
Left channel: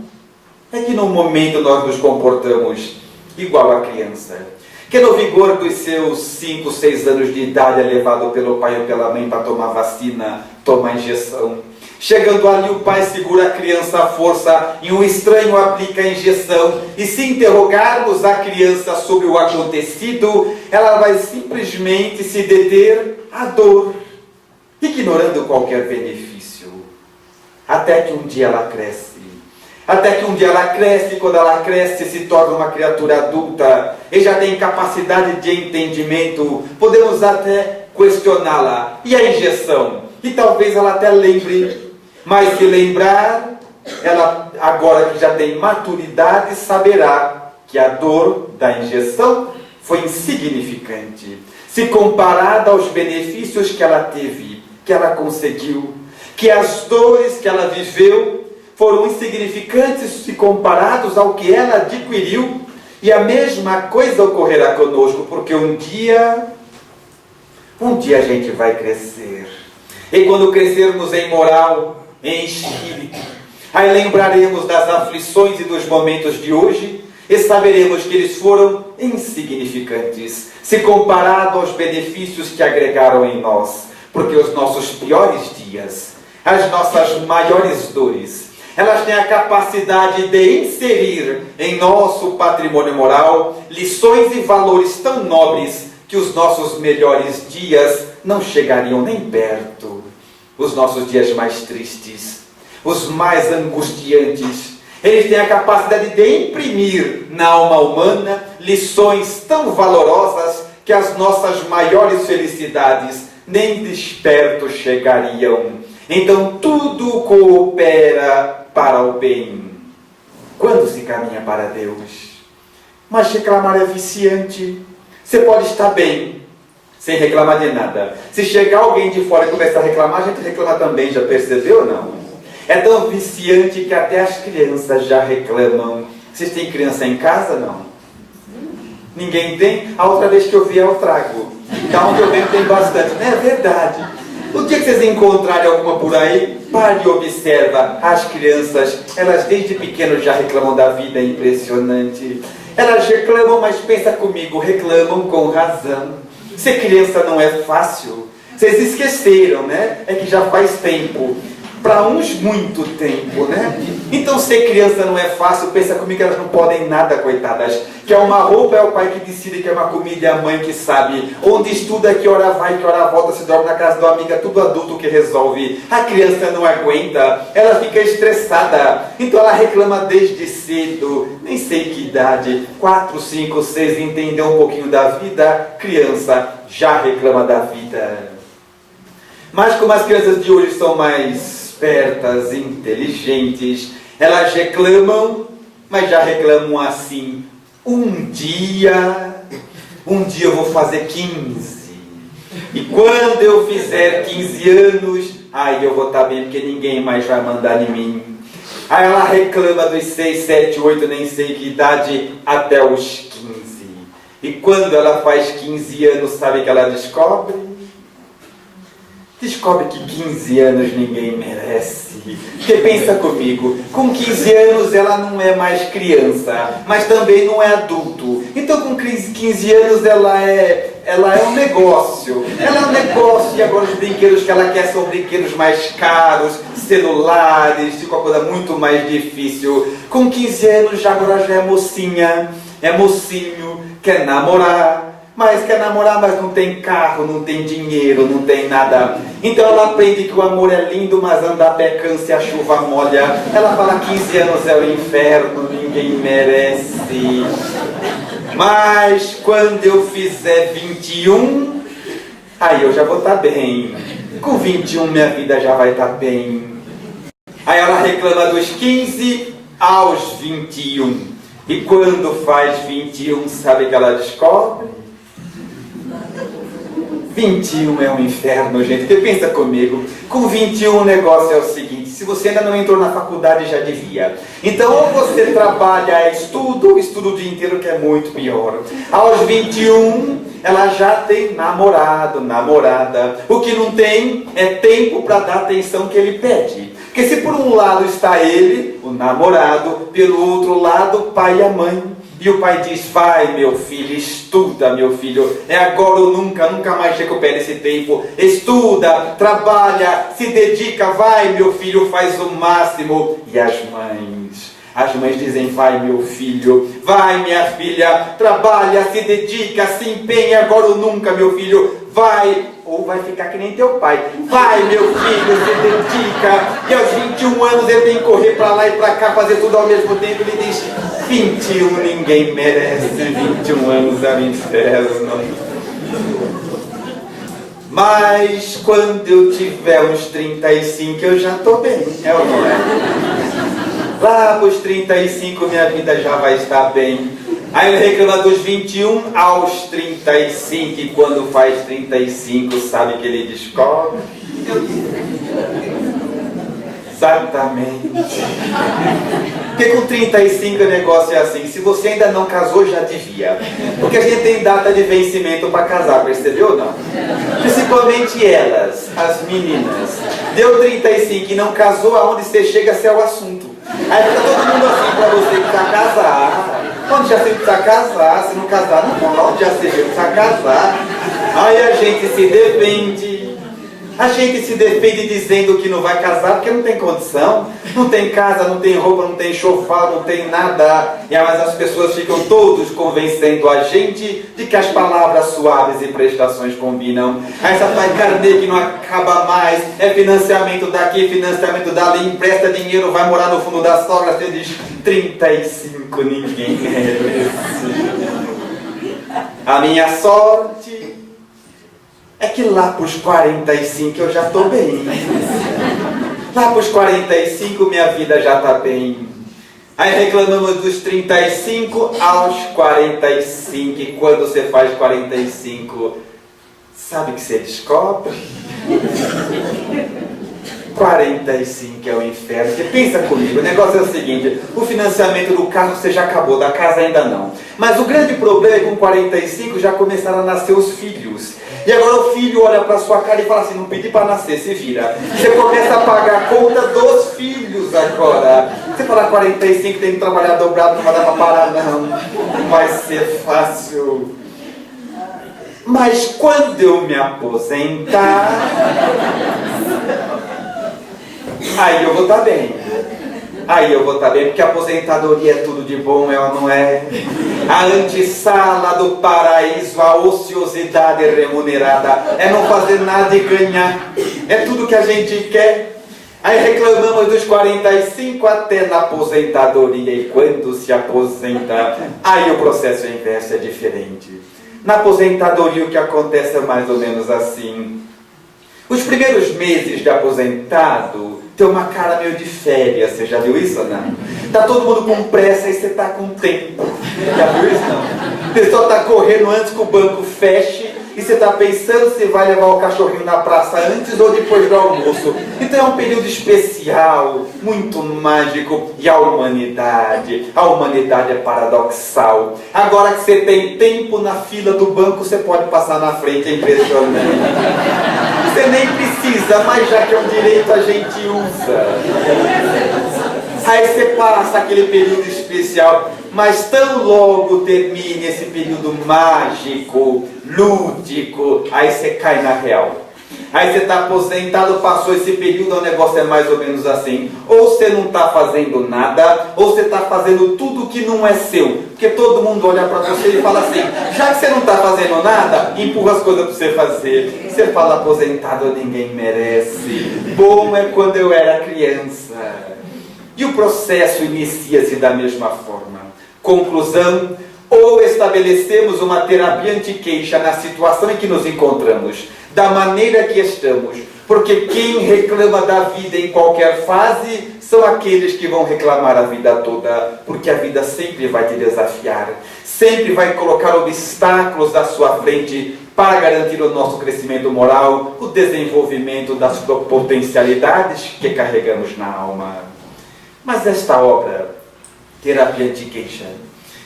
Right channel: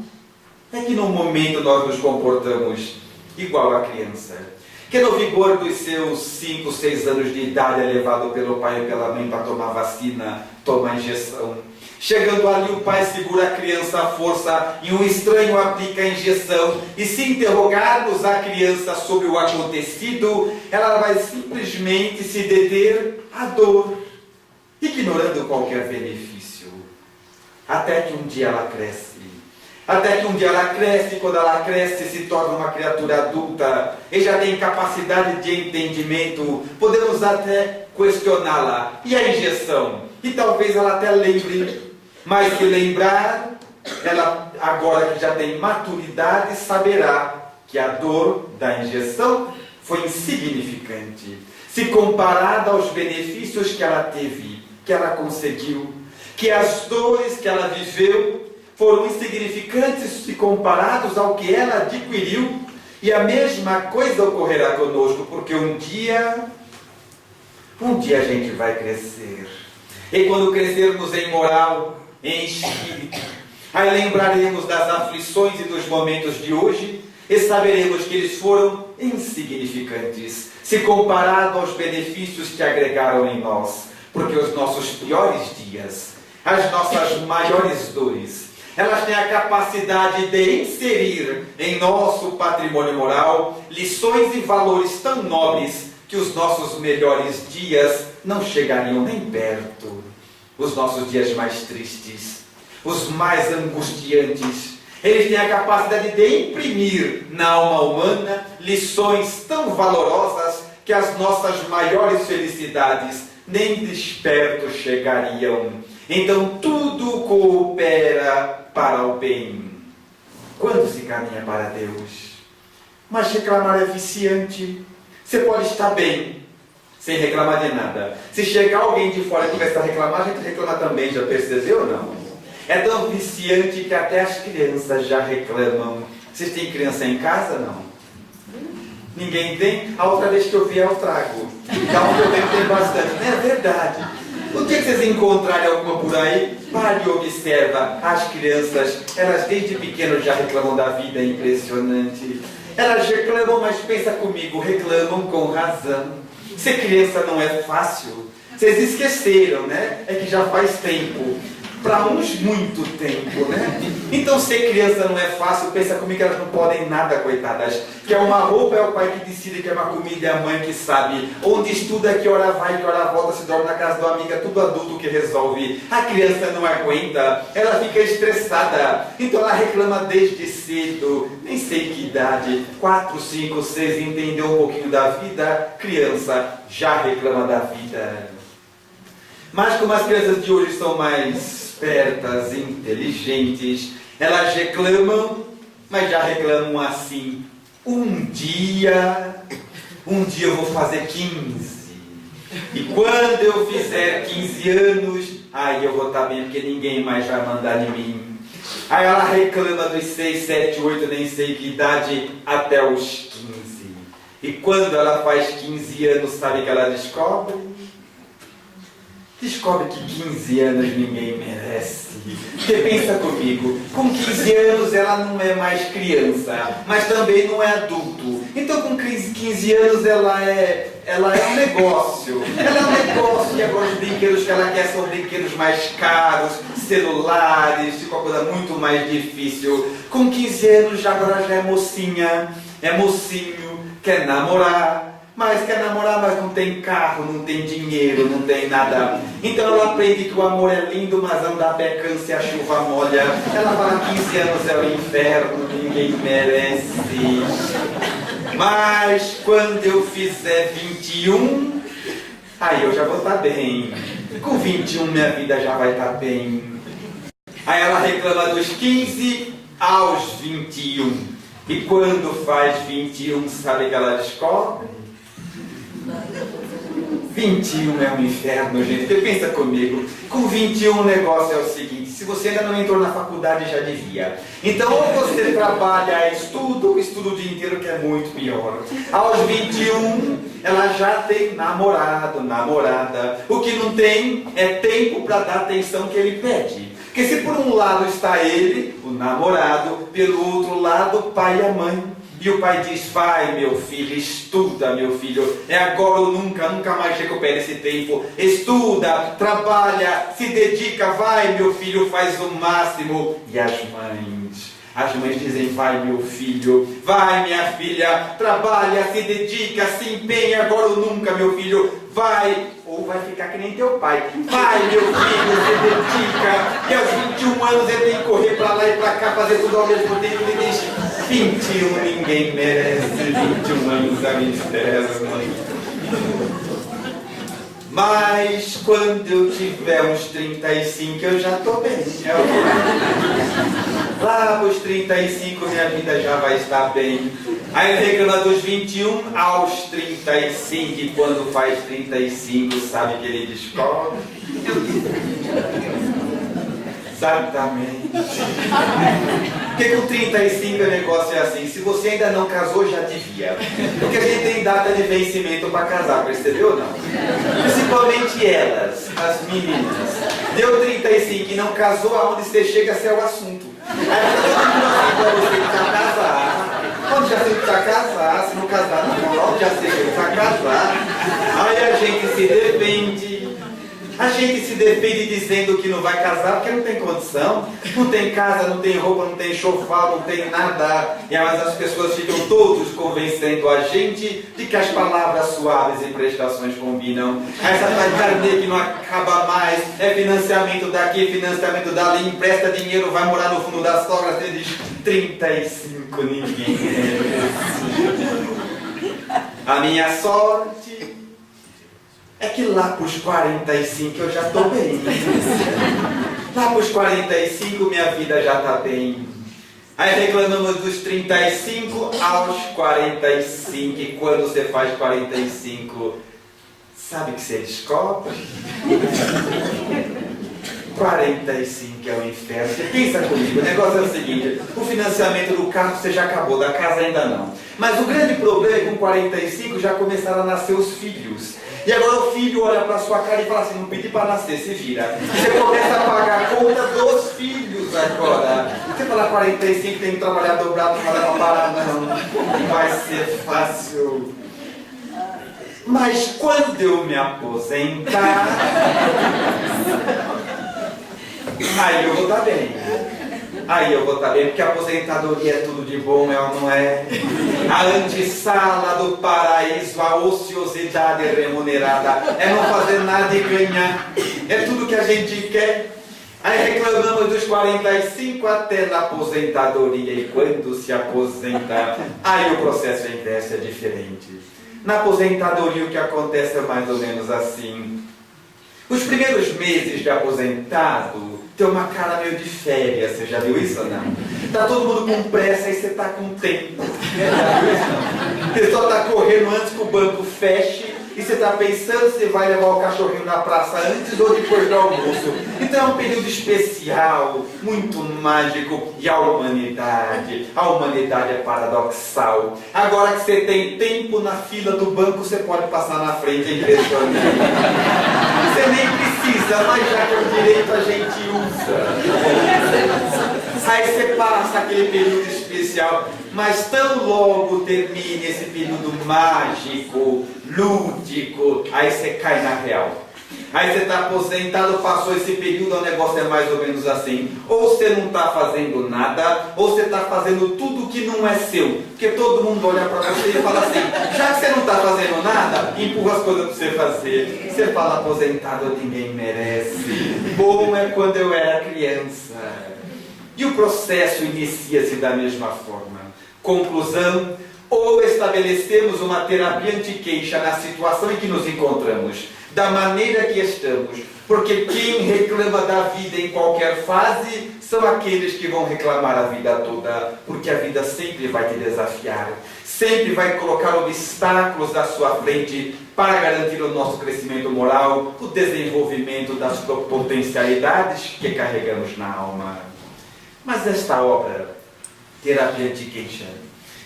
É que num momento nós nos comportamos igual a criança, que no vigor dos seus 5, 6 anos de idade é levado pelo pai ou pela mãe para tomar vacina, tomar injeção. Chegando ali, o pai segura a criança à força e um estranho aplica a injeção. E se interrogarmos a criança sobre o acontecido, ela vai simplesmente se deter à dor, ignorando qualquer benefício. Até que um dia ela cresce. Quando ela cresce, se torna uma criatura adulta e já tem capacidade de entendimento. Podemos até questioná-la. E a injeção? E talvez ela até lembre. Mas se lembrar, ela, agora que já tem maturidade, saberá que a dor da injeção foi insignificante, se comparada aos benefícios que ela teve, que ela conseguiu, que as dores que ela viveu foram insignificantes se comparados ao que ela adquiriu. E a mesma coisa ocorrerá conosco, porque um dia a gente vai crescer. E quando crescermos em moral, em espírito, aí lembraremos das aflições e dos momentos de hoje e saberemos que eles foram insignificantes, se comparado aos benefícios que agregaram em nós. Porque os nossos piores dias, as nossas maiores dores, elas têm a capacidade de inserir em nosso patrimônio moral lições e valores tão nobres que os nossos melhores dias não chegariam nem perto. Os nossos dias mais tristes, os mais angustiantes, eles têm a capacidade de imprimir na alma humana lições tão valorosas que as nossas maiores felicidades nem desperto chegariam. Então tudo coopera para o bem quando se caminha para Deus. Mas reclamar é viciante. Você pode estar bem sem reclamar de nada. Se chegar alguém de fora e começar a reclamar, a gente reclama também, já percebeu ou não? É tão viciante que até as crianças já reclamam. Vocês têm criança em casa? Não? Ninguém tem? A outra vez que eu vi eu trago. Da onde eu venho tem bastante. Não é verdade? O dia que vocês encontrarem alguma por aí, pare e observa. As crianças, elas desde pequeno já reclamam da vida, é impressionante. Elas reclamam, mas pensa comigo, reclamam com razão. Ser criança não é fácil. Vocês esqueceram, né? É que já faz tempo. Para uns, muito tempo, né? Então, ser criança não é fácil. Pensa comigo que elas não podem nada, coitadas. Quer uma roupa, é o pai que decide. Quer uma comida, é a mãe que sabe. Onde estuda, que hora vai, que hora volta. Se dorme na casa da amiga, tudo adulto que resolve. A criança não aguenta. Ela fica estressada. Então, ela reclama desde cedo. Nem sei que idade. 4, 5, 6, entendeu um pouquinho da vida. Criança já reclama da vida. Mas como as crianças de hoje são mais espertas, inteligentes, elas reclamam, mas já reclamam assim: um dia eu vou fazer 15, e quando eu fizer 15 anos, aí eu vou estar bem, porque ninguém mais vai mandar em mim. Aí ela reclama dos 6, 7, 8, nem sei que idade, até os 15. E quando ela faz 15 anos, sabe o que ela descobre? Descobre que 15 anos ninguém merece. Porque pensa comigo, com 15 anos ela não é mais criança, mas também não é adulto. Então com 15 anos ela é um negócio. Ela é um negócio e agora os brinquedos que ela quer são brinquedos mais caros, celulares, de uma coisa muito mais difícil. Com 15 anos agora já é mocinha, é mocinho, quer namorar. Mas quer namorar, mas não tem carro, não tem dinheiro, não tem nada. Então ela aprende que o amor é lindo, mas andar a pé cansa e a chuva molha. Ela fala 15 anos é o inferno, ninguém merece. Mas quando eu fizer 21, aí eu já vou estar bem. Com 21 minha vida já vai estar bem. Aí ela reclama dos 15 aos 21. E quando faz 21, sabe o que ela descobre? 21 é um inferno, gente. Porque pensa comigo, com 21 o negócio é o seguinte: se você ainda não entrou na faculdade, já devia. Então, ou você trabalha, estuda, ou estuda o dia inteiro, que é muito pior. Aos 21, ela já tem namorado, namorada. O que não tem é tempo para dar a atenção que ele pede. Porque se por um lado está ele, o namorado, pelo outro lado, o pai e a mãe. E o pai diz: vai meu filho, estuda meu filho, é agora ou nunca, nunca mais recupera esse tempo. Estuda, trabalha, se dedica, vai meu filho, faz o máximo. E as mães dizem: vai meu filho, vai minha filha, trabalha, se dedica, se empenha, agora ou nunca meu filho, vai. Ou vai ficar que nem teu pai. Vai meu filho, se dedica. E aos 21 anos ele tem que correr para lá e para cá, fazer tudo ao mesmo tempo. Ele diz: 21 ninguém merece, 21 anos é um inferno. Mas quando eu tiver uns 35 eu já estou bem. É o que é. Lá para os 35 minha vida já vai estar bem. Aí ele reclama dos 21 aos 35, e quando faz 35, sabe que ele descobre? Exatamente. Porque com 35 o negócio é assim: se você ainda não casou, já devia. Porque a gente tem data de vencimento para casar, percebeu ou não? Principalmente elas, as meninas. Deu 35 e não casou, aonde você chega, se é o assunto. Aí fica todo mundo assim: para você que está casado. Onde já sei que precisa casar, se não casar não pode, onde já sei que precisa casar. Aí a gente se defende dizendo que não vai casar porque não tem condição, não tem casa, não tem roupa, não tem chofar, não tem nada. E mas as pessoas ficam todos convencendo a gente de que as palavras suaves e prestações combinam. Aí essa tua carnê que não acaba mais, é financiamento daqui, financiamento dali, empresta dinheiro, vai morar no fundo da sogra, você diz: 35 ninguém merece. A minha sorte é que lá para os 45 eu já estou bem. Lá para os 45 minha vida já está bem. Aí reclamamos dos 35 aos 45. E quando você faz 45, sabe o que você descobre? 45 é o inferno. Porque pensa comigo, o negócio é o seguinte: o financiamento do carro você já acabou, da casa ainda não. Mas o grande problema é que com 45 já começaram a nascer os filhos. E agora o filho olha para sua cara e fala assim: não pedi para nascer, se vira. Você começa a pagar a conta dos filhos agora. Você fala 45, tem que trabalhar dobrado, não vai dar para parar, não vai ser fácil. Mas quando eu me aposentar, aí eu vou estar bem. Aí eu vou estar bem, porque a aposentadoria é tudo de bom, é ou não é? A antessala do paraíso, a ociosidade remunerada, é não fazer nada e ganhar. É tudo que a gente quer. Aí reclamamos dos 45 até na aposentadoria. E quando se aposenta, aí o processo inverso é diferente. Na aposentadoria o que acontece é mais ou menos assim: os primeiros meses de aposentado tem uma cara meio de férias. Você já viu isso ou não? Tá todo mundo com pressa e você tá com tempo. Já viu isso não? A pessoa tá correndo antes que o banco feche e você está pensando se vai levar o cachorrinho na praça antes ou depois do almoço. Então é um período especial, muito mágico, e a humanidade é paradoxal. Agora que você tem tempo na fila do banco, você pode passar na frente, é impressionante. Você nem precisa, mas já que é um direito a gente usa. Aí você passa aquele período especial, mas tão logo termine esse período mágico, lúdico, aí você cai na real. Aí você está aposentado, passou esse período, o negócio é mais ou menos assim. Ou você não está fazendo nada, ou você está fazendo tudo que não é seu. Porque todo mundo olha para você e fala assim, já que você não está fazendo nada, empurra as coisas para você fazer. Você fala, aposentado ninguém merece. Bom é quando eu era criança. E o processo inicia-se da mesma forma. Conclusão, ou estabelecemos uma terapia anti-queixa na situação em que nos encontramos, da maneira que estamos, porque quem reclama da vida em qualquer fase são aqueles que vão reclamar a vida toda, porque a vida sempre vai te desafiar, sempre vai colocar obstáculos à sua frente para garantir o nosso crescimento moral, o desenvolvimento das potencialidades que carregamos na alma. Mas esta obra, Terapia Anti-Queixa,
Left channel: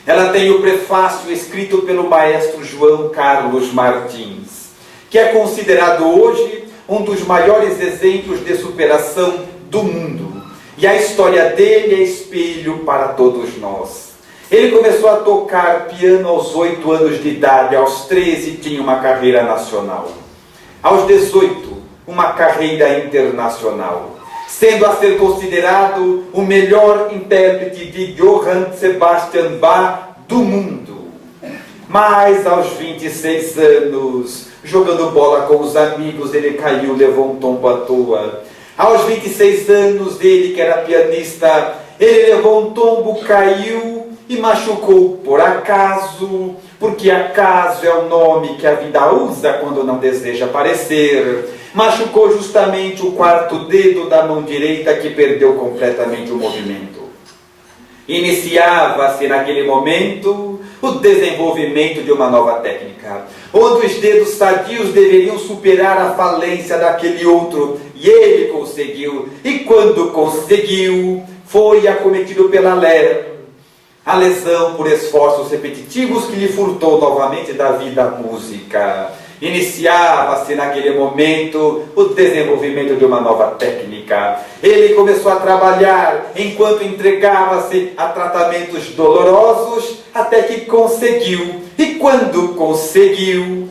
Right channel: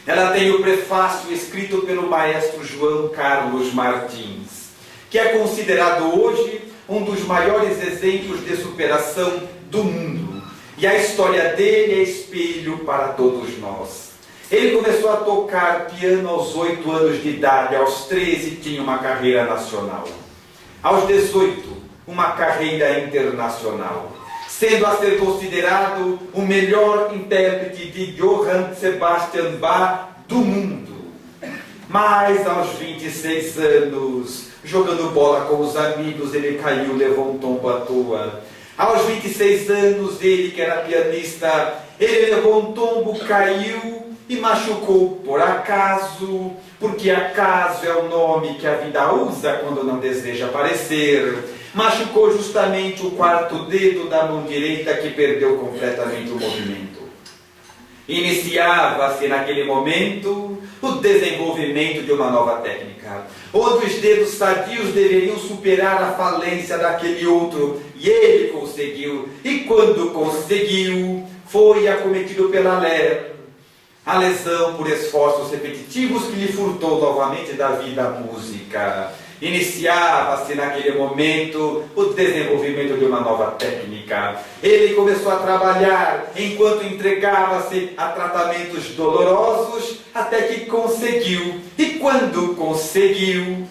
ela tem o prefácio escrito pelo maestro João Carlos Martins, que é considerado hoje um dos maiores exemplos de superação do mundo. E a história dele é espelho para todos nós. Ele começou a tocar piano aos 8 anos de idade, aos 13 tinha uma carreira nacional. Aos 18, uma carreira internacional, sendo a ser considerado o melhor intérprete de Johann Sebastian Bach do mundo. Mas aos 26 anos, jogando bola com os amigos, ele caiu, levou um tombo à toa. Aos 26 anos, ele que era pianista, ele levou um tombo, caiu e machucou por acaso, porque acaso é o nome que a vida usa quando não deseja aparecer. Machucou justamente o quarto dedo da mão direita, que perdeu completamente o movimento. Iniciava-se naquele momento o desenvolvimento de uma nova técnica, onde os dedos sadios deveriam superar a falência daquele outro, e ele conseguiu, e quando conseguiu, foi acometido pela a lesão por esforços repetitivos que lhe furtou novamente da vida a música. Iniciava-se naquele momento o desenvolvimento de uma nova técnica. Ele começou a trabalhar enquanto entregava-se a tratamentos dolorosos, até que conseguiu. E quando conseguiu,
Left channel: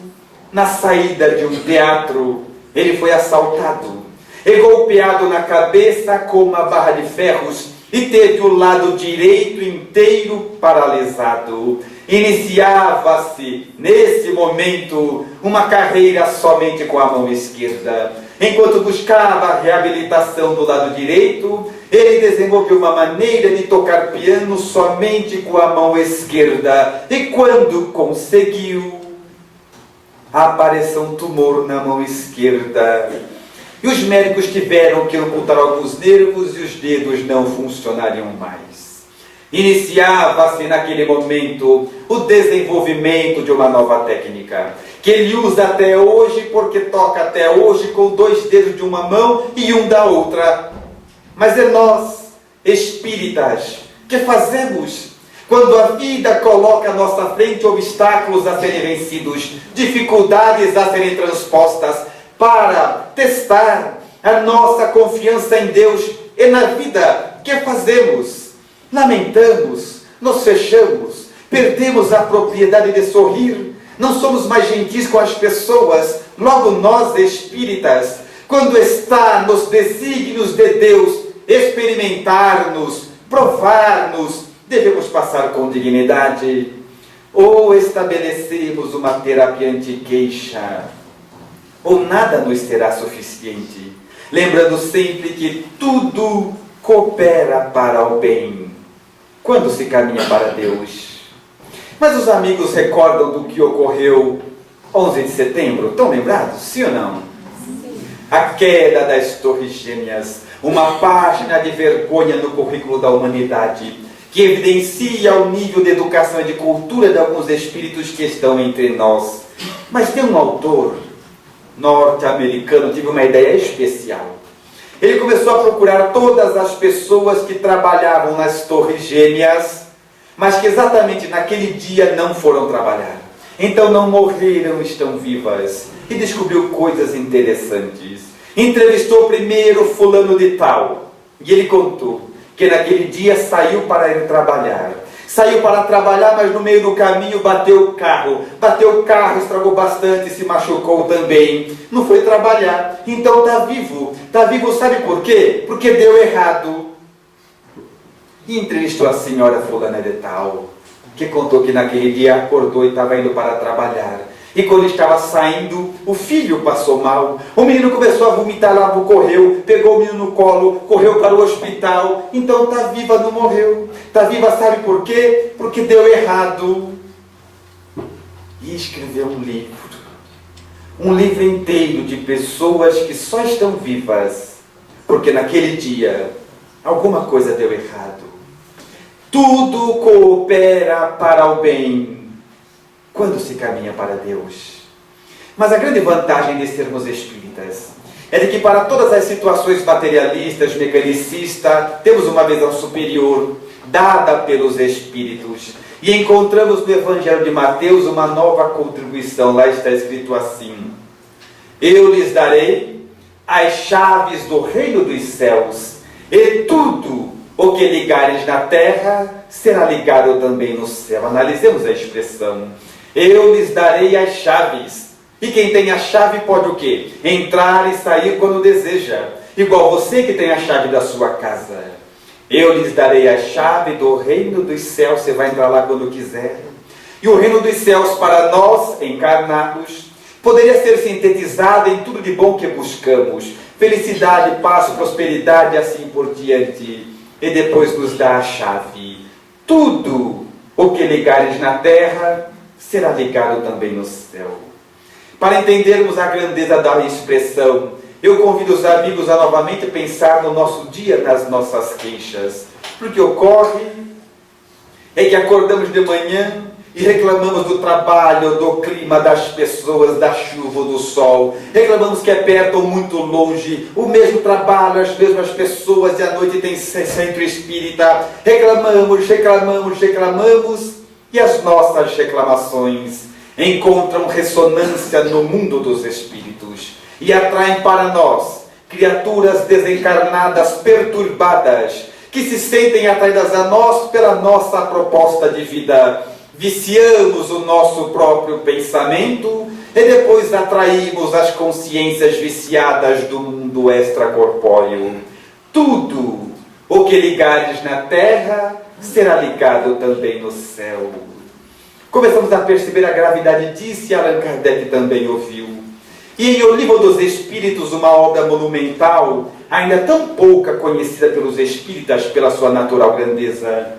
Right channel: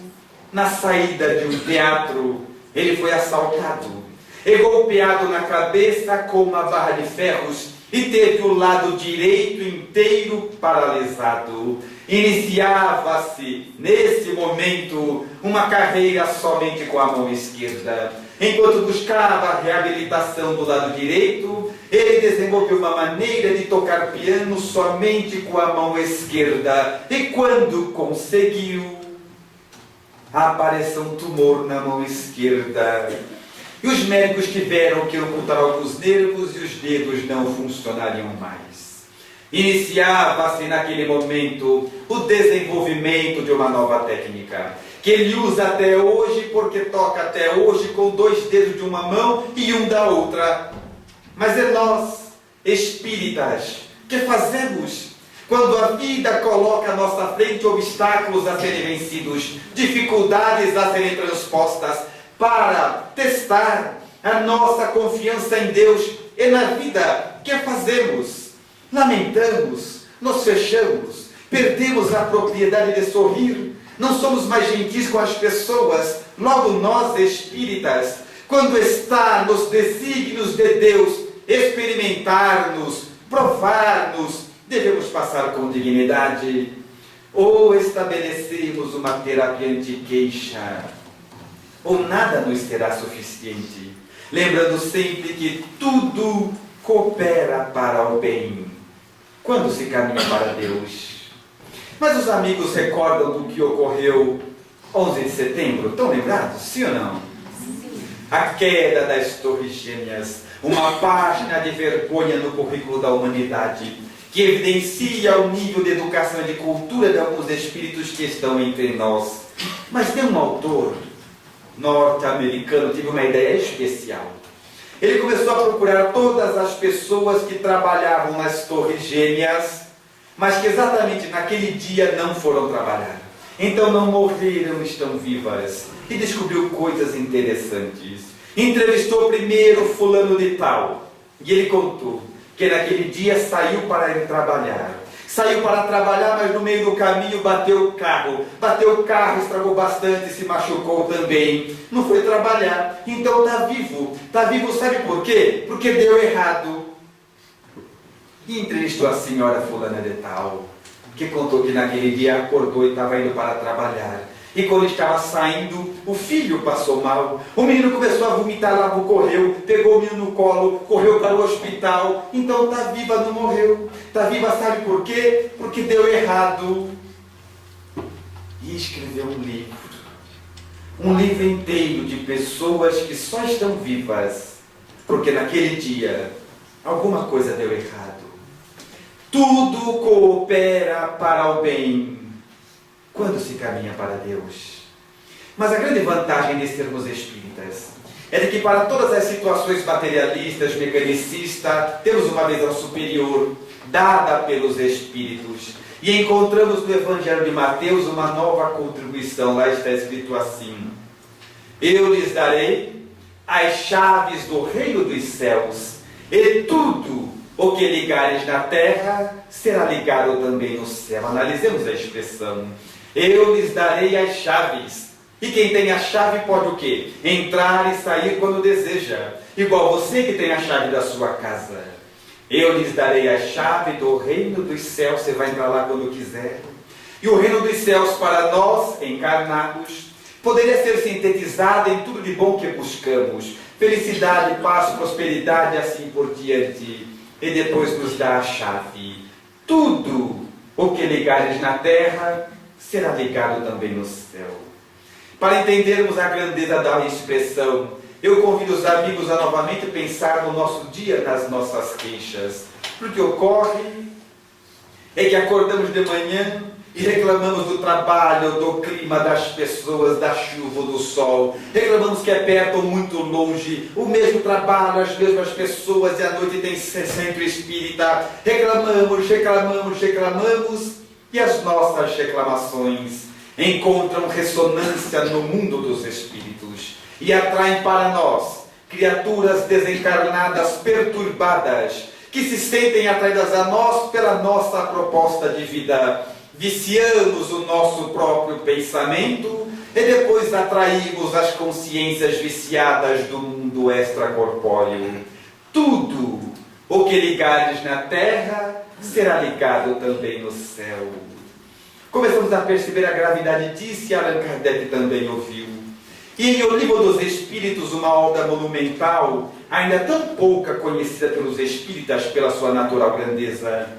na saída de um teatro, ele foi assaltado e golpeado na cabeça com uma barra de ferros e teve o lado direito inteiro paralisado. Iniciava-se, nesse momento, uma carreira somente com a mão esquerda. Enquanto buscava a reabilitação do lado direito, ele desenvolveu uma maneira de tocar piano somente com a mão esquerda. E quando conseguiu, apareceu um tumor na mão esquerda. E os médicos tiveram que amputar alguns nervos e os dedos não funcionariam mais. Iniciava-se naquele momento o desenvolvimento de uma nova técnica, que ele usa até hoje, porque toca até hoje com 2 dedos de uma mão e um da outra. Mas é nós, espíritas, que fazemos quando a vida coloca à nossa frente obstáculos a serem vencidos, dificuldades a serem transpostas, para testar a nossa confiança em Deus e na vida. Que fazemos? Lamentamos, nos fechamos, perdemos a propriedade de sorrir, não somos mais gentis com as pessoas. Logo nós, espíritas, quando está nos desígnios de Deus experimentar-nos, provar-nos, devemos passar com dignidade. Ou estabelecemos uma terapia anti-queixa, ou nada nos será suficiente, lembrando sempre que tudo coopera para o bem, quando se caminha para Deus. Mas os amigos recordam do que ocorreu 11 de setembro? Estão lembrados? Sim ou não? Sim. A queda das Torres Gêmeas, uma página de vergonha no currículo da humanidade, que evidencia o nível de educação e de cultura de alguns espíritos que estão entre nós. Mas tem um autor norte-americano, tive uma ideia especial. Ele começou a procurar todas as pessoas que trabalhavam nas Torres Gêmeas, mas que exatamente naquele dia não foram trabalhar. Então não morreram, estão vivas. E descobriu coisas interessantes. Entrevistou primeiro fulano de tal. E ele contou que naquele dia saiu para ir trabalhar. Saiu para trabalhar, mas no meio do caminho bateu o carro. Bateu o carro, estragou bastante, se machucou também. Não foi trabalhar. Então está vivo. Está vivo, sabe por quê? Porque deu errado. E entrevistou a senhora fulana de tal, que contou que naquele dia acordou e estava indo para trabalhar. E quando estava saindo, o filho passou mal. O menino começou a vomitar lá, correu, pegou o menino no colo, correu para o hospital. Então está viva, não morreu. Está viva, sabe por quê? Porque deu errado. E escreveu um livro. Um livro inteiro de pessoas que só estão vivas porque naquele dia alguma coisa deu errado. Tudo coopera para o bem quando se caminha para Deus. Mas a grande vantagem de sermos espíritas é de que para todas as situações materialistas, mecanicistas, temos uma visão superior, dada pelos Espíritos. E encontramos no Evangelho de Mateus uma nova contribuição. Lá está escrito assim: eu lhes darei as chaves do reino dos céus, e tudo o que ligares na terra será ligado também no céu. Analisemos a expressão. Eu lhes darei as chaves. E quem tem a chave pode o quê? Entrar e sair quando deseja. Igual você que tem a chave da sua casa. Eu lhes darei a chave do reino dos céus. Você vai entrar lá quando quiser. E o reino dos céus para nós, encarnados, poderia ser sintetizado em tudo de bom que buscamos. Felicidade, paz, prosperidade e assim por diante. E depois nos dá a chave. Tudo o que ligares na terra será ligado também no céu. Para entendermos a grandeza da expressão, eu convido os amigos a novamente pensar no nosso dia, nas nossas queixas. Porque ocorre é que acordamos de manhã e reclamamos do trabalho, do clima, das pessoas, da chuva, do sol. Reclamamos que é perto ou muito longe, o mesmo trabalho, as mesmas pessoas, e à noite tem centro espírita. Reclamamos, e as nossas reclamações encontram ressonância no mundo dos espíritos e atraem para nós criaturas desencarnadas, perturbadas, que se sentem atraídas a nós pela nossa proposta de vida. Viciamos o nosso próprio pensamento e depois atraímos as consciências viciadas do mundo extracorpóreo. Tudo o que ligares na terra será ligado também no céu. Começamos a perceber a gravidade disso e Allan Kardec também ouviu. E em O Livro dos Espíritos, uma obra monumental, ainda tão pouca conhecida pelos espíritas pela sua natural grandeza,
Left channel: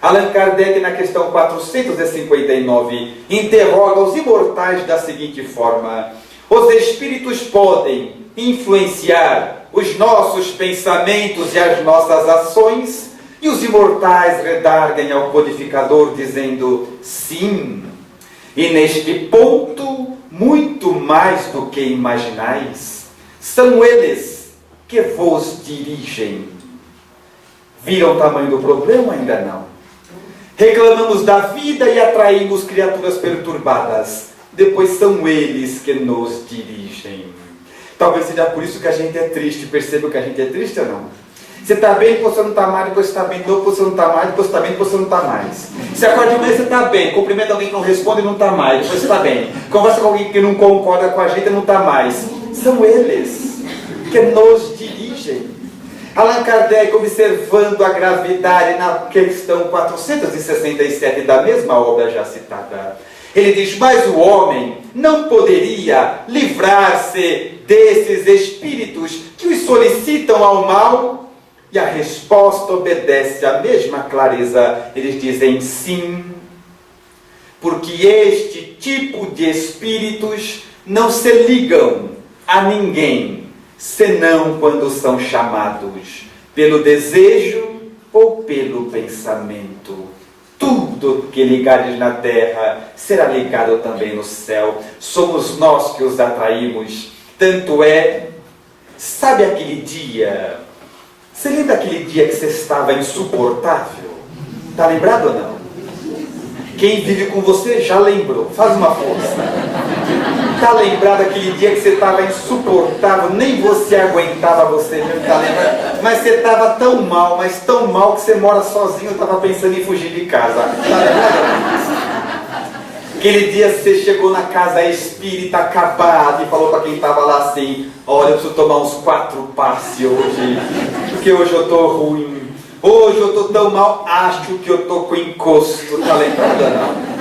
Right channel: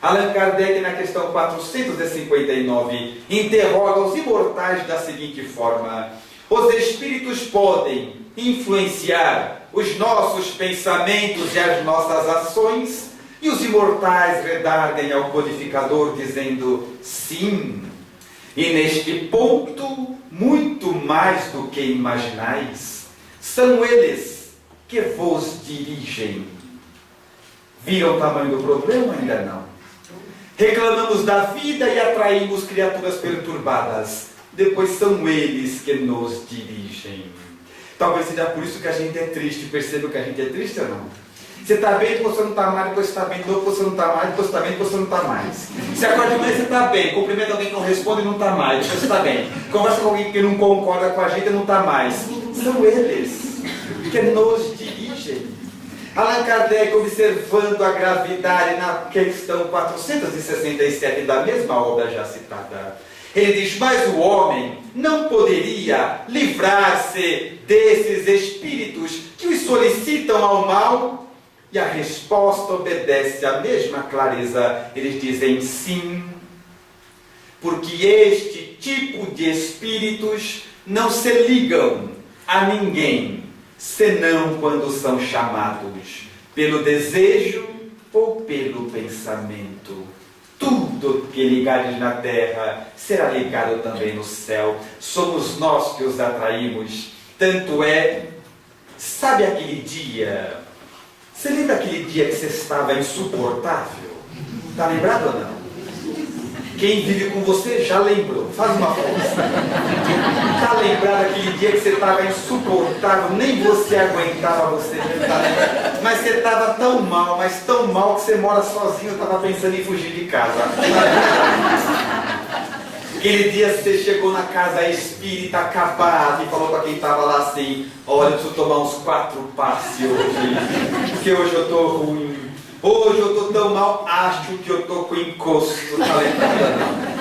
Allan Kardec, na questão 459, interroga os imortais da seguinte forma: os espíritos podem influenciar os nossos pensamentos e as nossas ações? E os imortais redarguem ao codificador dizendo sim. E neste ponto, muito mais do que imaginais, são eles que vos dirigem. Viram o tamanho do problema? Ainda não. Reclamamos da vida e atraímos criaturas perturbadas. Depois são eles que nos dirigem. Talvez seja por isso que a gente é triste. Percebam que a gente é triste ou não? Você está bem, depois você não está mais, depois você está bem, depois você não está mais, depois você está bem, depois você não está mais. Você acorda de manhã, você está bem, cumprimenta alguém que não responde e não está mais, depois você está bem. Conversa com alguém que não concorda com a gente e não está mais. São eles que nos dirigem. Allan Kardec, observando a gravidade na questão 467 da mesma obra já citada, ele diz: mas o homem não poderia livrar-se desses espíritos que os solicitam ao mal? E a resposta obedece à mesma clareza. Eles dizem sim, porque este tipo de espíritos não se ligam a ninguém, senão quando são chamados pelo desejo ou pelo pensamento. Tudo tudo que ligares na terra será ligado também no céu. Somos nós que os atraímos. Tanto é, sabe aquele dia? Você lembra aquele dia que você estava insuportável? Está lembrado ou não? Quem vive com você já lembrou. Faz uma força. Está lembrado aquele dia que você estava insuportável, nem você aguentava você mesmo, tá lembrado? Mas você estava tão mal, mas tão mal que você mora sozinho, estava pensando em fugir de casa. Tá lembrado? Aquele dia você chegou na casa espírita acabado e falou para quem estava lá assim: olha, eu preciso tomar uns 4 passes hoje, porque hoje eu estou ruim. Hoje eu estou tão mal, acho que eu estou com encosto. Tá lembrado não?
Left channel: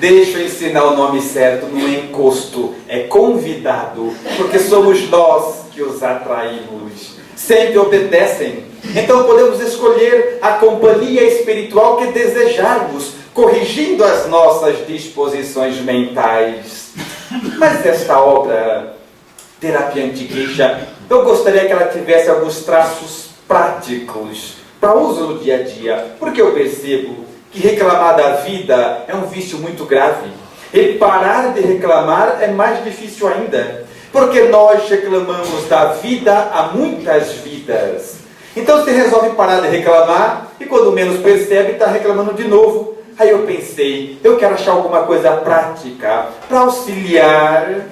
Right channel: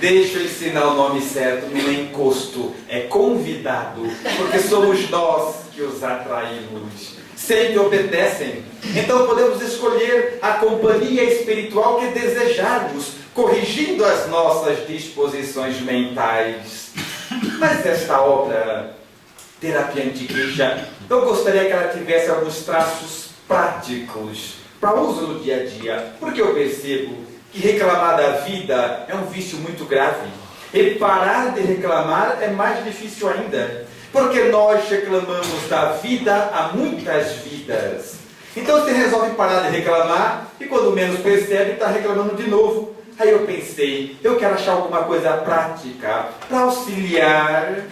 Deixa eu ensinar o nome certo, não é encosto, é convidado, porque somos nós que os atraímos. Sempre obedecem. Então podemos escolher a companhia espiritual que desejarmos, corrigindo as nossas disposições mentais. Mas esta obra, Terapia Anti-Queixa, eu gostaria que ela tivesse alguns traços práticos para uso no dia a dia, porque eu percebo que reclamar da vida é um vício muito grave. E parar de reclamar é mais difícil ainda, porque nós reclamamos da vida há muitas vidas. Então você resolve parar de reclamar e quando menos percebe está reclamando de novo. Aí eu pensei, eu quero achar alguma coisa prática para auxiliar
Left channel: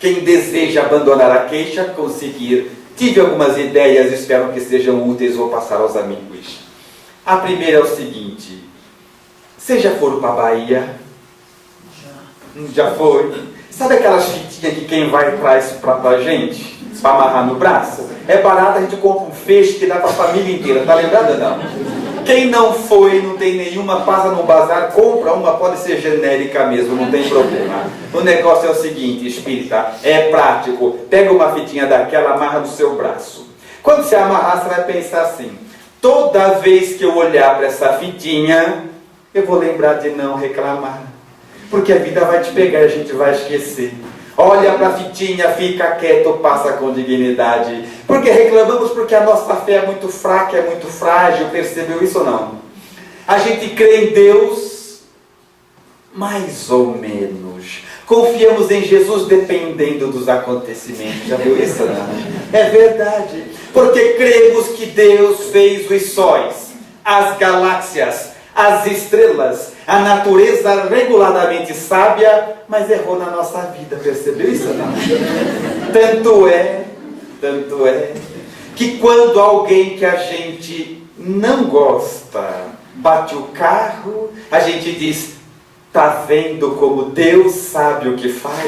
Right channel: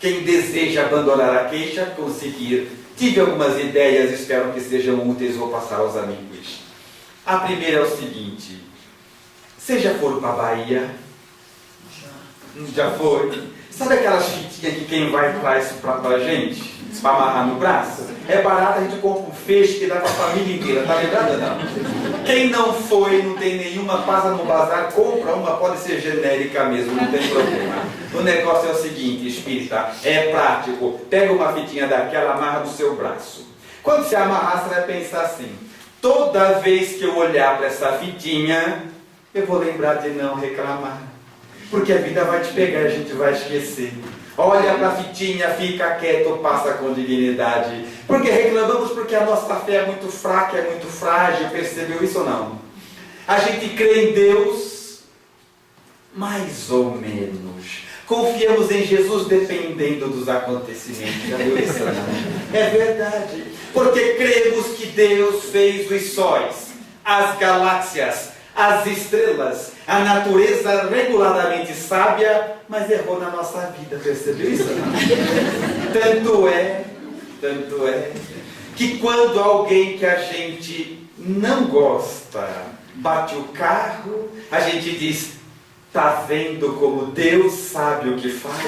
quem deseja abandonar a queixa a conseguir. Tive algumas ideias, espero que sejam úteis, vou passar aos amigos. A primeira é o seguinte: vocês já foram para a Bahia? Já foi? Sabe aquelas fitinhas que quem vai traz para a gente? Para amarrar no braço? É barato, a gente compra um feixe que dá para a família inteira, tá lembrado ou não? Quem não foi, não tem nenhuma, passa no bazar, compra uma, pode ser genérica mesmo, não tem problema. O negócio é o seguinte, espírita, é prático. Pega uma fitinha daquela, amarra no seu braço. Quando você amarrar, você vai pensar assim: toda vez que eu olhar para essa fitinha, eu vou lembrar de não reclamar. Porque a vida vai te pegar e a gente vai esquecer. Olha para a fitinha, fica quieto, passa com dignidade. Porque reclamamos porque a nossa fé é muito fraca, é muito frágil. Percebeu isso ou não? A gente crê em Deus, mais ou menos. Confiamos em Jesus dependendo dos acontecimentos. Já viu isso ou não? É verdade. Porque cremos que Deus fez os sóis, as galáxias, as estrelas, a natureza regularmente sábia, mas errou na nossa vida, percebeu isso não? Tanto é, que quando alguém que a gente não gosta bate o carro, a gente diz: tá vendo como Deus sabe o que faz?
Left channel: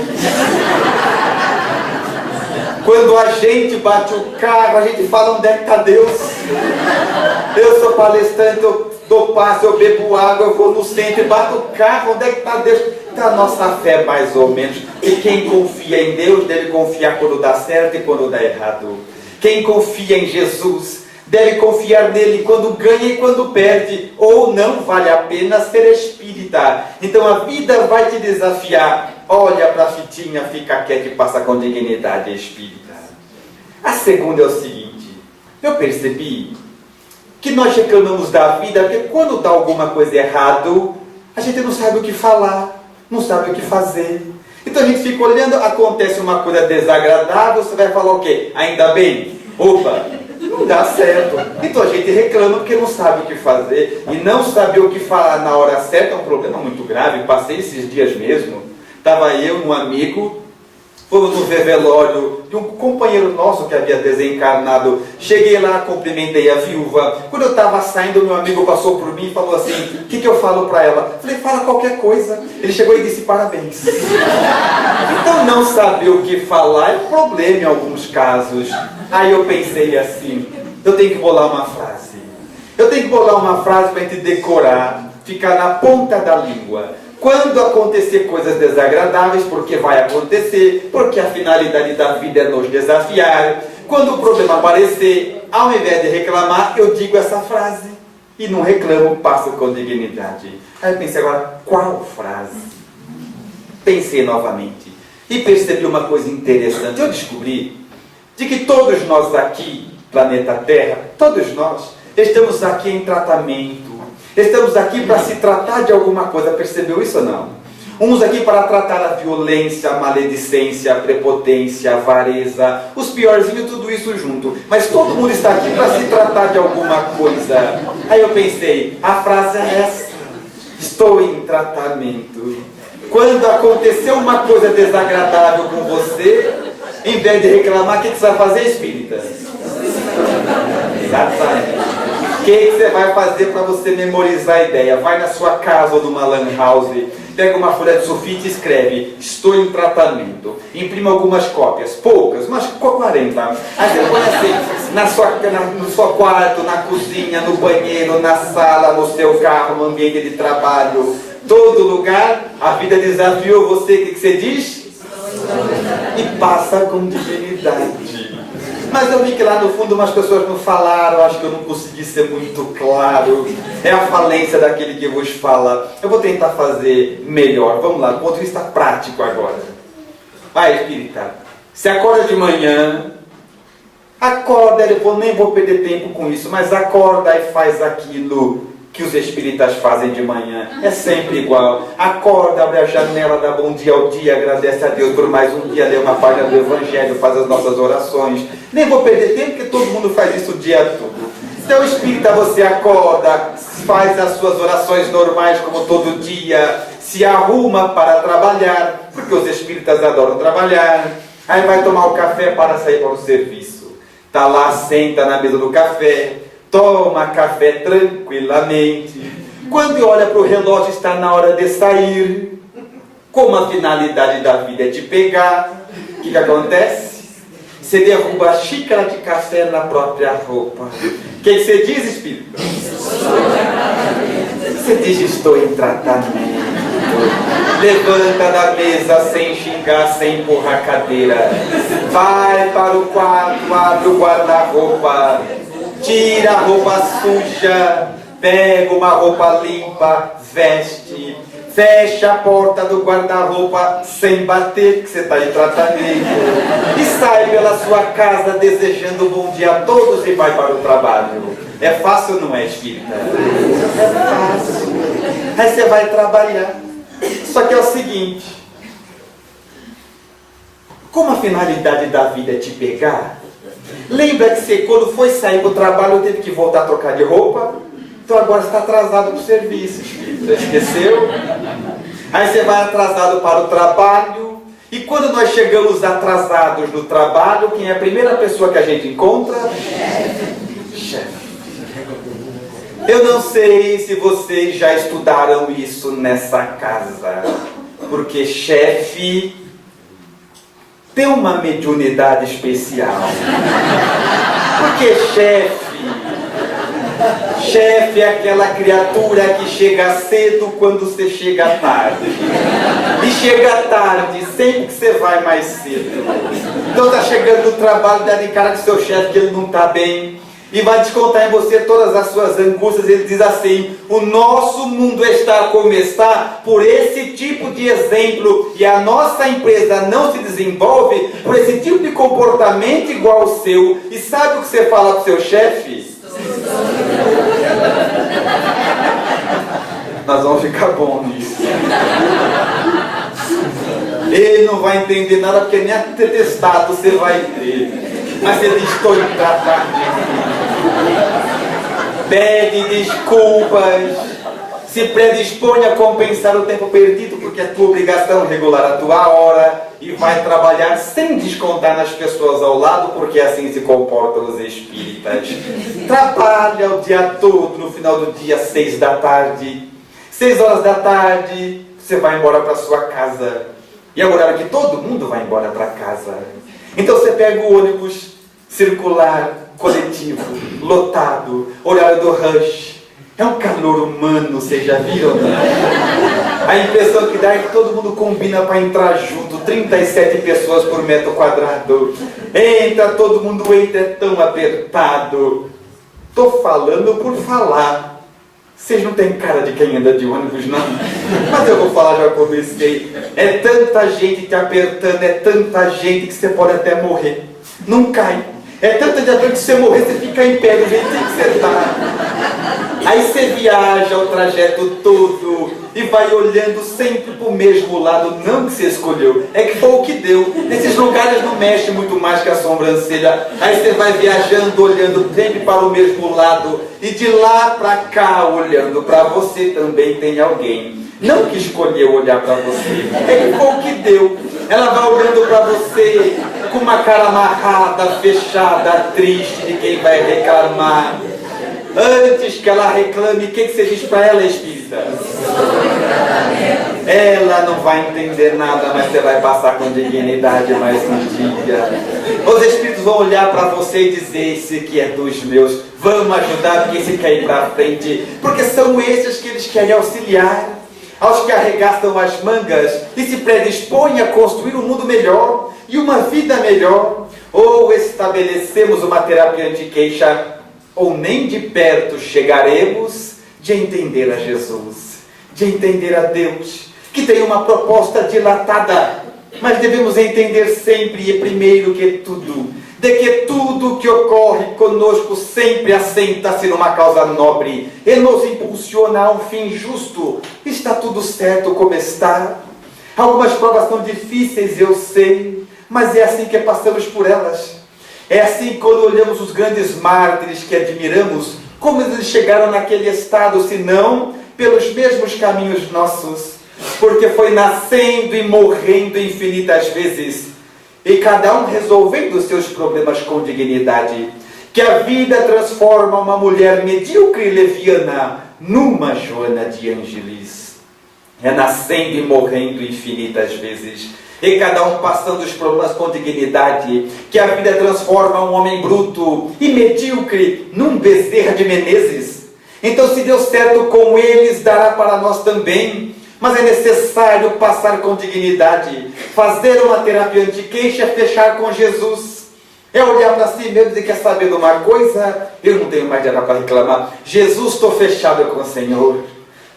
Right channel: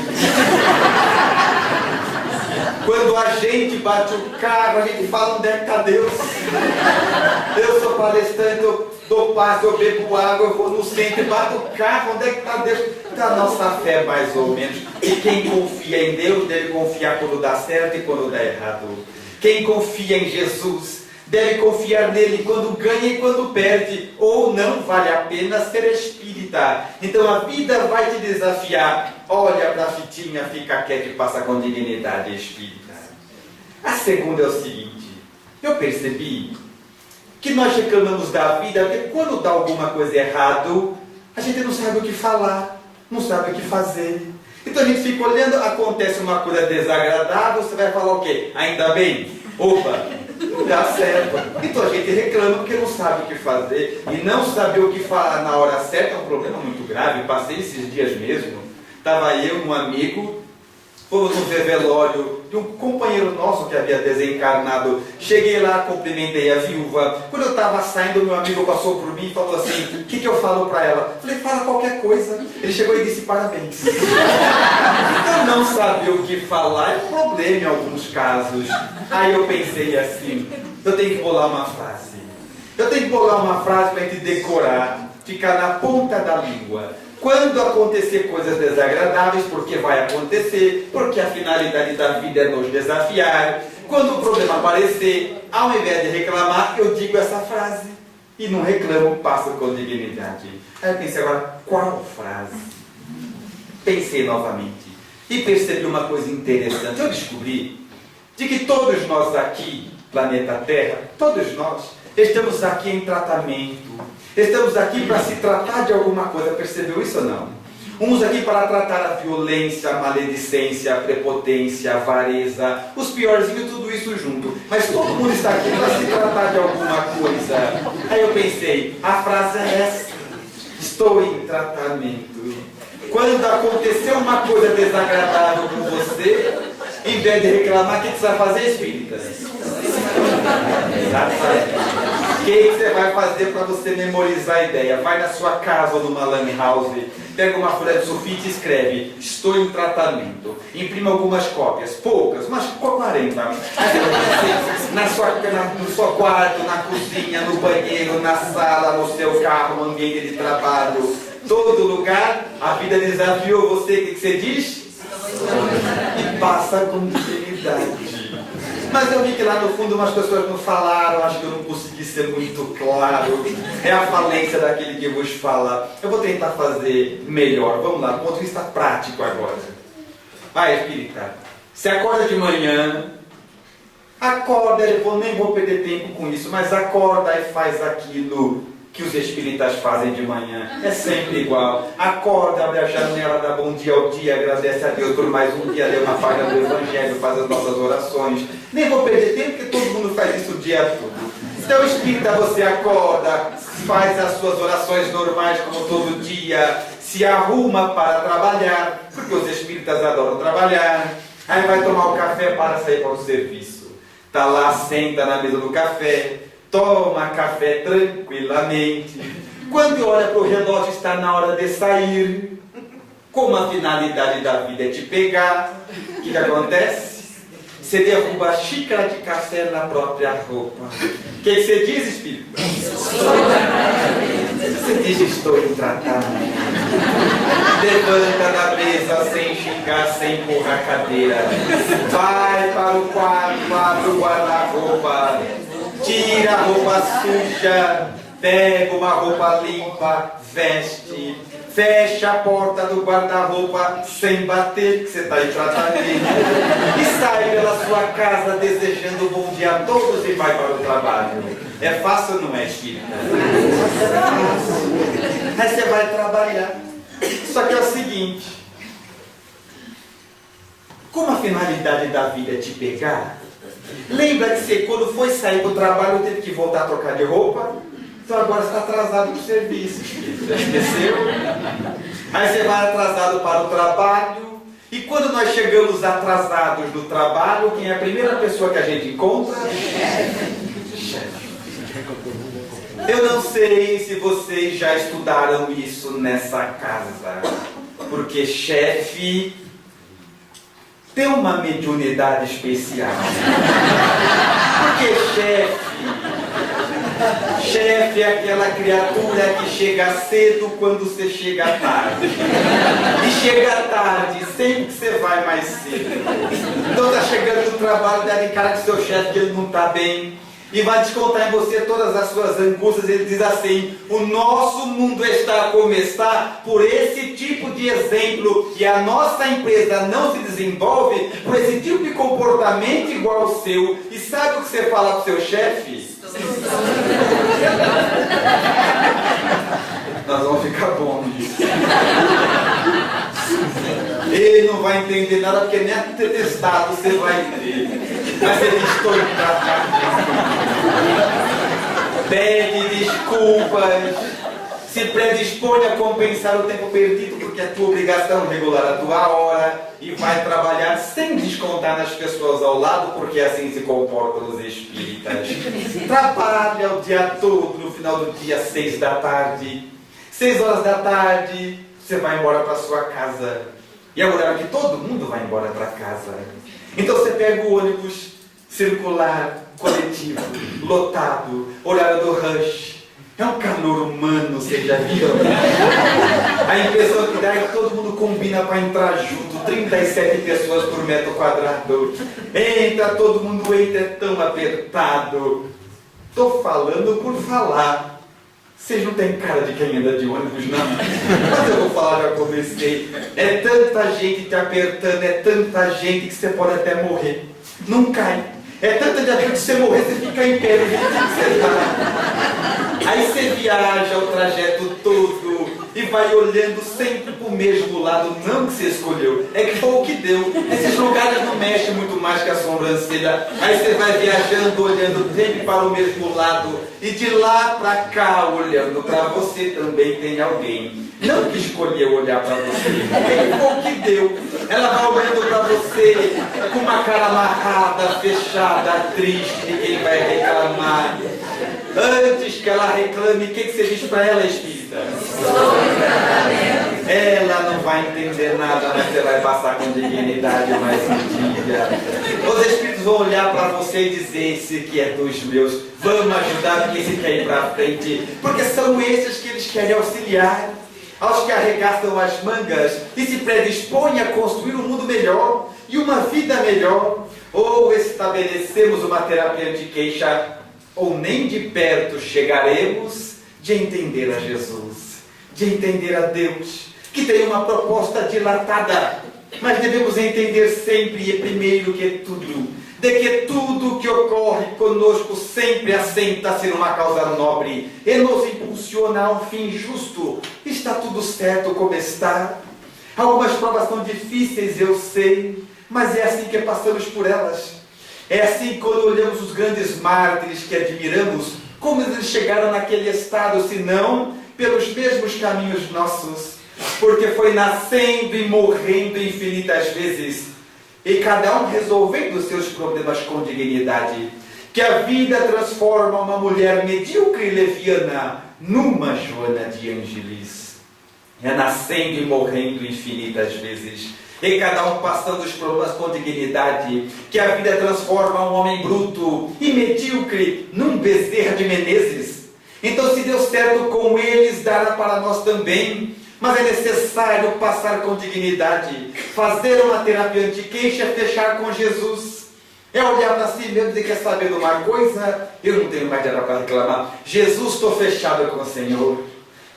Quando a gente bate o carro, a gente fala: onde é que está Deus? Eu sou palestrante, eu dou passe, eu bebo água, eu vou no centro e bato o carro, onde é que está Deus? Está a nossa fé mais ou menos. E quem confia em Deus deve confiar quando dá certo e quando dá errado. Quem confia em Jesus deve confiar nele quando ganha e quando perde, ou não vale a pena ser espírita. Então a vida vai te desafiar. Olha para a fitinha, fica quieto e passa com dignidade, espírita. A segunda é o seguinte: eu percebi que nós reclamamos da vida porque quando dá alguma coisa errado, a gente não sabe o que falar, não sabe o que fazer. Então a gente fica olhando, acontece uma coisa desagradável, você vai falar o quê? Ainda bem? Opa, não dá certo. Então a gente reclama porque não sabe o que fazer. E não saber o que falar na hora certa é um problema muito grave. Passei esses dias mesmo, estava eu, um amigo, fomos no velório de um companheiro nosso que havia desencarnado. Cheguei lá, cumprimentei a viúva. Quando eu estava saindo, meu amigo passou por mim e falou assim: o que eu falo para ela? Falei: fala qualquer coisa. Ele chegou e disse: parabéns. Então não saber o que falar é um problema em alguns casos. Aí eu pensei assim: eu tenho que bolar uma frase. Eu tenho que bolar uma frase para a gente decorar, ficar na ponta da língua. Quando acontecer coisas desagradáveis, porque vai acontecer, porque a finalidade da vida é nos desafiar. Quando o problema aparecer, ao invés de reclamar, eu digo essa frase. E não reclamo, passo com dignidade. Aí eu pensei: agora, qual frase? Pensei novamente. E percebi uma coisa interessante. Eu descobri de que todos nós aqui, planeta Terra, todos nós, estamos aqui em tratamento. Estamos aqui para se tratar de alguma coisa, percebeu isso ou não? Uns aqui para tratar a violência, a maledicência, a prepotência, a avareza, os piorzinhos, tudo isso junto. Mas todo mundo está aqui para se tratar de alguma coisa. Aí eu pensei, a frase é essa: estou em tratamento. Quando aconteceu uma coisa desagradável com você, em vez de reclamar, o que você vai fazer, espírita? Exatamente. O que você vai fazer para você memorizar a ideia? Vai na sua casa ou numa lan house, pega uma folha de sulfite e escreve: estou em tratamento. Imprima algumas cópias, poucas, mas 40. Aí você põe assim, no seu quarto, na cozinha, no banheiro, na sala, no seu carro, no ambiente de trabalho, todo lugar. A vida desafiou você, o que você diz? E passa com dignidade. Mas eu vi que lá no fundo umas pessoas não falaram, acho que eu não consegui ser muito claro. É a falência daquele que vos fala. Eu vou tentar fazer melhor. Vamos lá, do ponto de vista prático agora. Vai, espírita. Você acorda de manhã, acorda, nem vou perder tempo com isso, mas acorda e faz aquilo que os espíritas fazem de manhã. É sempre igual. Acorda, abre a janela, dá bom dia ao dia, agradece a Deus por mais um dia, lê uma página do Evangelho, faz as nossas orações. Nem vou perder tempo, porque todo mundo faz isso o dia todo. Então, espírita, você acorda, faz as suas orações normais como todo dia, se arruma para trabalhar, porque os espíritas adoram trabalhar. Aí vai tomar o café para sair para o serviço. Está lá, senta na mesa do café, toma café tranquilamente. Quando olha para o relógio, está na hora de sair. Como a finalidade da vida é te pegar, o que acontece? Você derruba a xícara de café na própria roupa. O que você diz, espírito? Você diz: estou em tratamento. Levanta da mesa sem xingar, sem empurrar a cadeira. Vai para o quarto, abre o guarda-roupa. Tira a roupa suja, pega uma roupa limpa, veste, fecha a porta do guarda-roupa sem bater, que você está em tratamento, e sai pela sua casa desejando um bom dia a todos e vai para o trabalho. É fácil ou não é, espírita? É fácil. Aí você vai trabalhar. Só que é o seguinte: como a finalidade da vida é te pegar, lembra que você, quando foi sair para o trabalho, teve que voltar a trocar de roupa? Então agora você está atrasado para o serviço, já esqueceu? Aí você vai atrasado para o trabalho. E quando nós chegamos atrasados no trabalho, quem é a primeira pessoa que a gente encontra? Chefe. Eu não sei se vocês já estudaram isso nessa casa, porque chefe tem uma mediunidade especial. Porque chefe é aquela criatura que chega cedo quando você chega tarde. E chega tarde sempre que você vai mais cedo. Então tá chegando no trabalho, dá de cara com seu chefe que ele não tá bem, e vai descontar em você todas as suas angústias. Ele diz assim: o nosso mundo está como está por esse tipo de exemplo, e a nossa empresa não se desenvolve por esse tipo de comportamento igual ao seu. E sabe o que você fala para o seu chefe? Nós vamos ficar bom nisso. Ele não vai entender nada, porque nem atestado você vai ter. Mas ele estou em tratamento. Pede desculpas, se predispõe a compensar o tempo perdido, porque é tua obrigação regular a tua hora, e vai trabalhar sem descontar nas pessoas ao lado, porque assim se comportam os espíritas. Trabalha o dia todo, no final do dia, 6 da tarde. 6 horas da tarde, você vai embora para sua casa. E é o horário que todo mundo vai embora para casa. Então você pega o ônibus circular, coletivo, lotado, horário do rush. É um calor humano, vocês já viram? A impressão que dá é que todo mundo combina para entrar junto. 37 pessoas por metro quadrado. Entra, todo mundo entra, é tão apertado. Estou falando por falar. Vocês não têm cara de quem anda de ônibus, não? Mas eu vou falar, já comecei. É tanta gente te apertando, é tanta gente que você pode até morrer. Não cai. É tanta gente que você morrer, você fica em pé do jeito que você está. Aí você viaja o trajeto todo e vai olhando sempre para o mesmo lado, não que você escolheu, é que foi o que deu. Esses lugares não mexem muito mais que a sobrancelha. Aí você vai viajando, olhando sempre para o mesmo lado, e de lá para cá, olhando para você, também tem alguém. Não que escolheu olhar para você, é que foi o que deu. Ela vai olhando para você com uma cara amarrada, fechada, triste de quem vai reclamar. Antes que ela reclame, o que você diz para ela, espírita? Ela não vai entender nada, mas você vai passar com dignidade mais um dia. Os espíritos vão olhar para você e dizer: esse que é dos meus, vamos ajudar, porque esse quer ir para frente. Porque são esses que eles querem auxiliar. Aos que arregaçam as mangas e se predispõem a construir um mundo melhor e uma vida melhor. Ou estabelecemos uma terapia de queixa, ou nem de perto chegaremos de entender a Jesus, de entender a Deus, que tem uma proposta dilatada, mas devemos entender sempre e primeiro que tudo, de que tudo que ocorre conosco sempre assenta-se numa causa nobre e nos impulsiona a um fim justo. Está tudo certo como está. Algumas provas são difíceis, eu sei, mas é assim que passamos por elas. É assim quando olhamos os grandes mártires que admiramos, como eles chegaram naquele estado, se não pelos mesmos caminhos nossos, porque foi nascendo e morrendo infinitas vezes, e cada um resolvendo seus problemas com dignidade, que a vida transforma uma mulher medíocre e leviana numa Joana de Ângeles. É nascendo e morrendo infinitas vezes, e cada um passando os problemas com dignidade, que a vida transforma um homem bruto e medíocre num Bezerra de Menezes. Então, se deu certo com eles, dará para nós também. Mas é necessário passar com dignidade, fazer uma terapia anti-queixa, fechar com Jesus. É olhar para si mesmo e dizer: quer saber de uma coisa? Eu não tenho mais nada para reclamar. Jesus, estou fechado com o Senhor.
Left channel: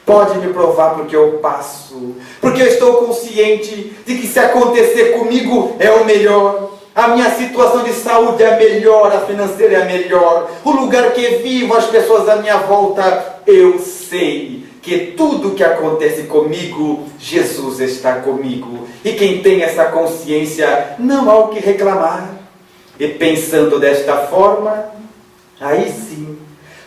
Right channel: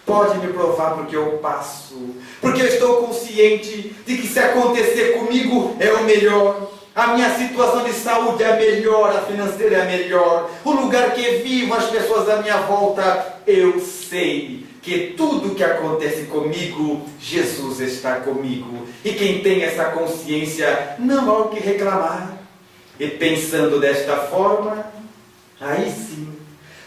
Pode me provar porque eu passo. Porque eu estou consciente de que se acontecer comigo é o melhor. A minha situação de saúde é a melhor, a financeira é a melhor. O lugar que vivo, as pessoas à minha volta, eu sei que tudo que acontece comigo, Jesus está comigo. E quem tem essa consciência, não há o que reclamar. E pensando desta forma, aí sim,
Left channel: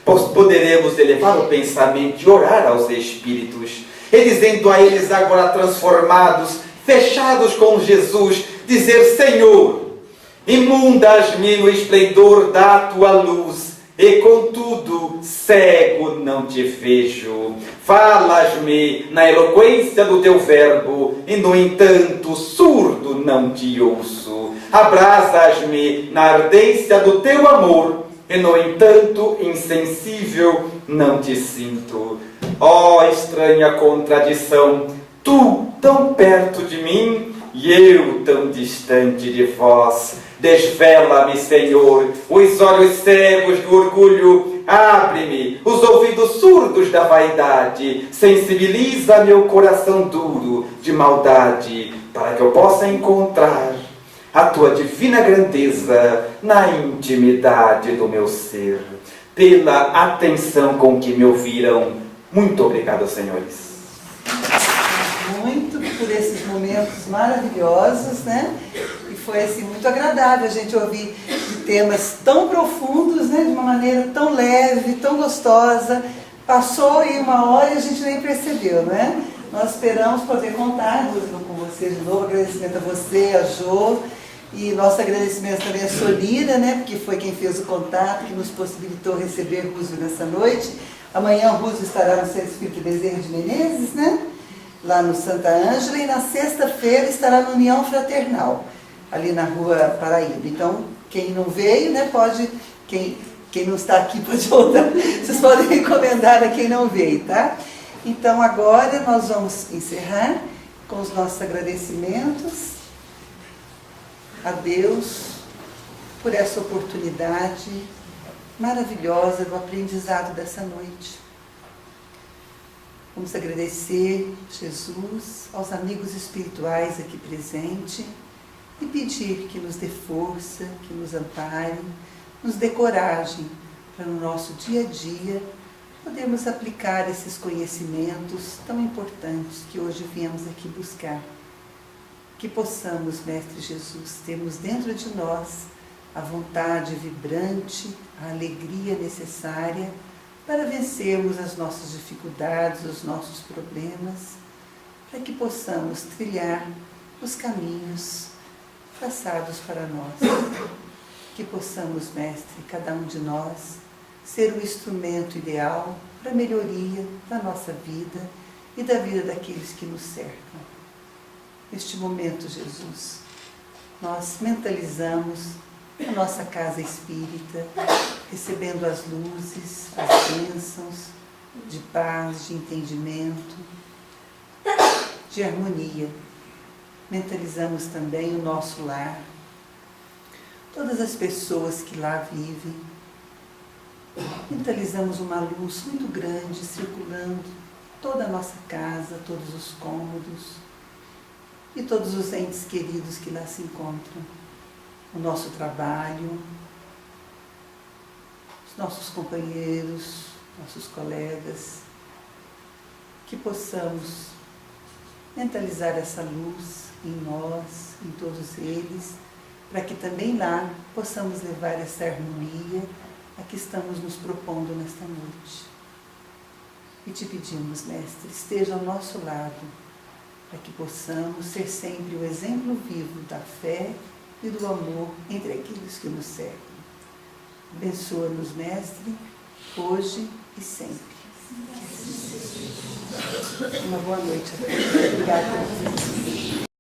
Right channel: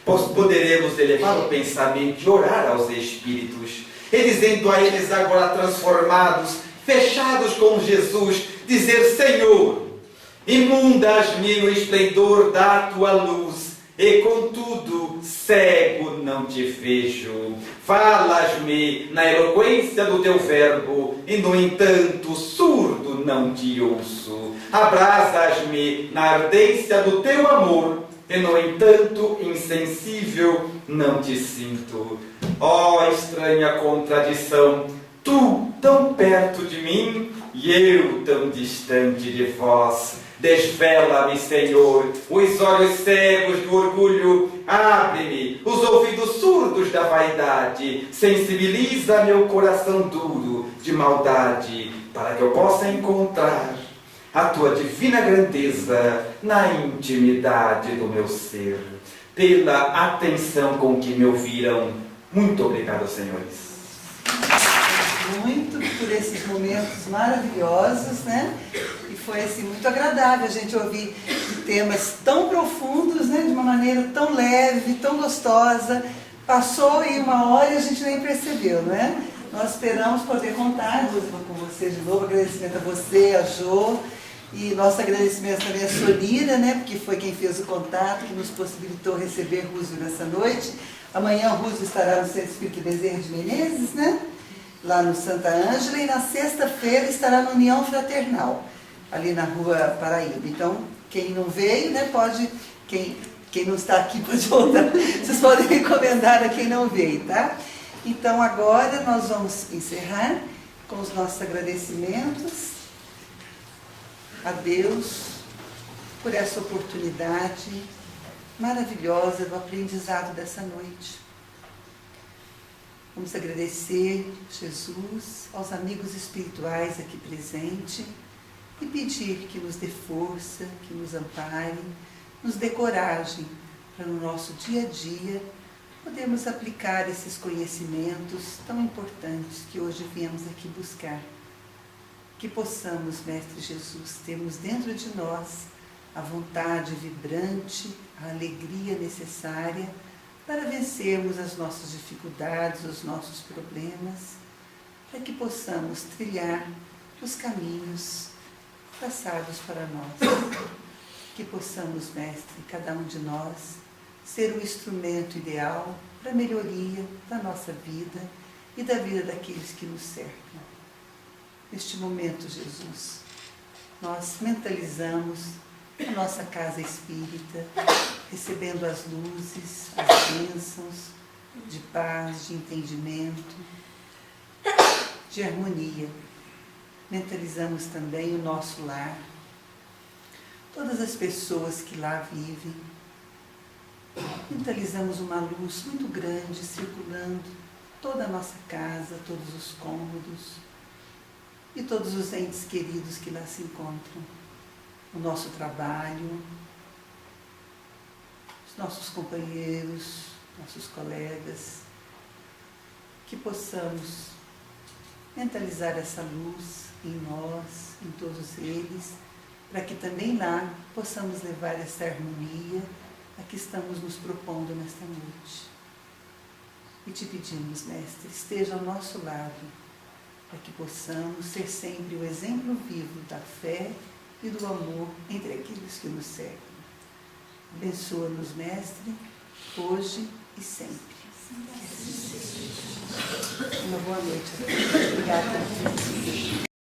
poderemos elevar o pensamento e orar aos espíritos, e dizendo a eles agora transformados, fechados com Jesus, dizer: Senhor, inundas-me no esplendor da tua luz, e contudo cego não te vejo. Falas-me na eloquência do teu verbo, e no entanto surdo não te ouço. Abrasas-me na ardência do teu amor, e no entanto insensível não te sinto. Ó estranha contradição, tu tão perto de mim e eu tão distante de vós. Desvela-me, Senhor, os olhos cegos do orgulho, abre-me os ouvidos surdos da vaidade, sensibiliza meu coração duro de maldade, para que eu possa encontrar a tua divina grandeza na intimidade do meu ser. Pela atenção com que me ouviram, muito obrigado, senhores. Muito por esses momentos maravilhosos, né? E foi assim muito agradável a gente ouvir de temas tão profundos, né? De uma maneira tão leve, tão gostosa. Passou em uma hora e a gente nem percebeu, não é? Nós esperamos poder contar com você de novo. Agradecimento a você, a Jô. E nosso agradecimento também a Solira, né? Porque foi quem fez o contato, que nos possibilitou receber Rússio nessa noite. Amanhã o Rússio estará no Centro Espírita Bezerra de Menezes, né? Lá no Santa Ângela, e na sexta-feira estará no União Fraternal, ali na Rua Paraíba. Então, quem não veio, né, pode, quem não está aqui pode voltar. Vocês podem recomendar a quem não veio, tá? Então, agora nós vamos encerrar com os nossos agradecimentos a Deus por essa oportunidade maravilhosa do aprendizado dessa noite. Vamos agradecer, Jesus, aos amigos espirituais aqui presentes e pedir que nos dê força, que nos amparem, nos dê coragem para no nosso dia a dia podemos aplicar esses conhecimentos tão importantes que hoje viemos aqui buscar. Que possamos, Mestre Jesus, termos dentro de nós a vontade vibrante, a alegria necessária para vencermos as nossas dificuldades, os nossos problemas, para que possamos trilhar os caminhos traçados para nós. Que possamos, Mestre, cada um de nós, ser o instrumento ideal para a melhoria da nossa vida e da vida daqueles que nos cercam. Neste momento, Jesus, nós mentalizamos a nossa casa espírita, recebendo as luzes, as bênçãos de paz, de entendimento, de harmonia. Mentalizamos também o nosso lar, todas as pessoas que lá vivem. Mentalizamos uma luz muito grande circulando toda a nossa casa, todos os cômodos e todos os entes queridos que lá se encontram. O nosso trabalho, os nossos companheiros, nossos colegas, que possamos mentalizar essa luz em nós, em todos eles, para que também lá possamos levar essa harmonia a que estamos nos propondo nesta noite. E te pedimos, Mestre, esteja ao nosso lado, para que possamos ser sempre o exemplo vivo da fé e do amor entre aqueles que nos cercam. Abençoa-nos, Mestre, hoje e sempre. Que assim seja. Uma boa noite a todos. Obrigada.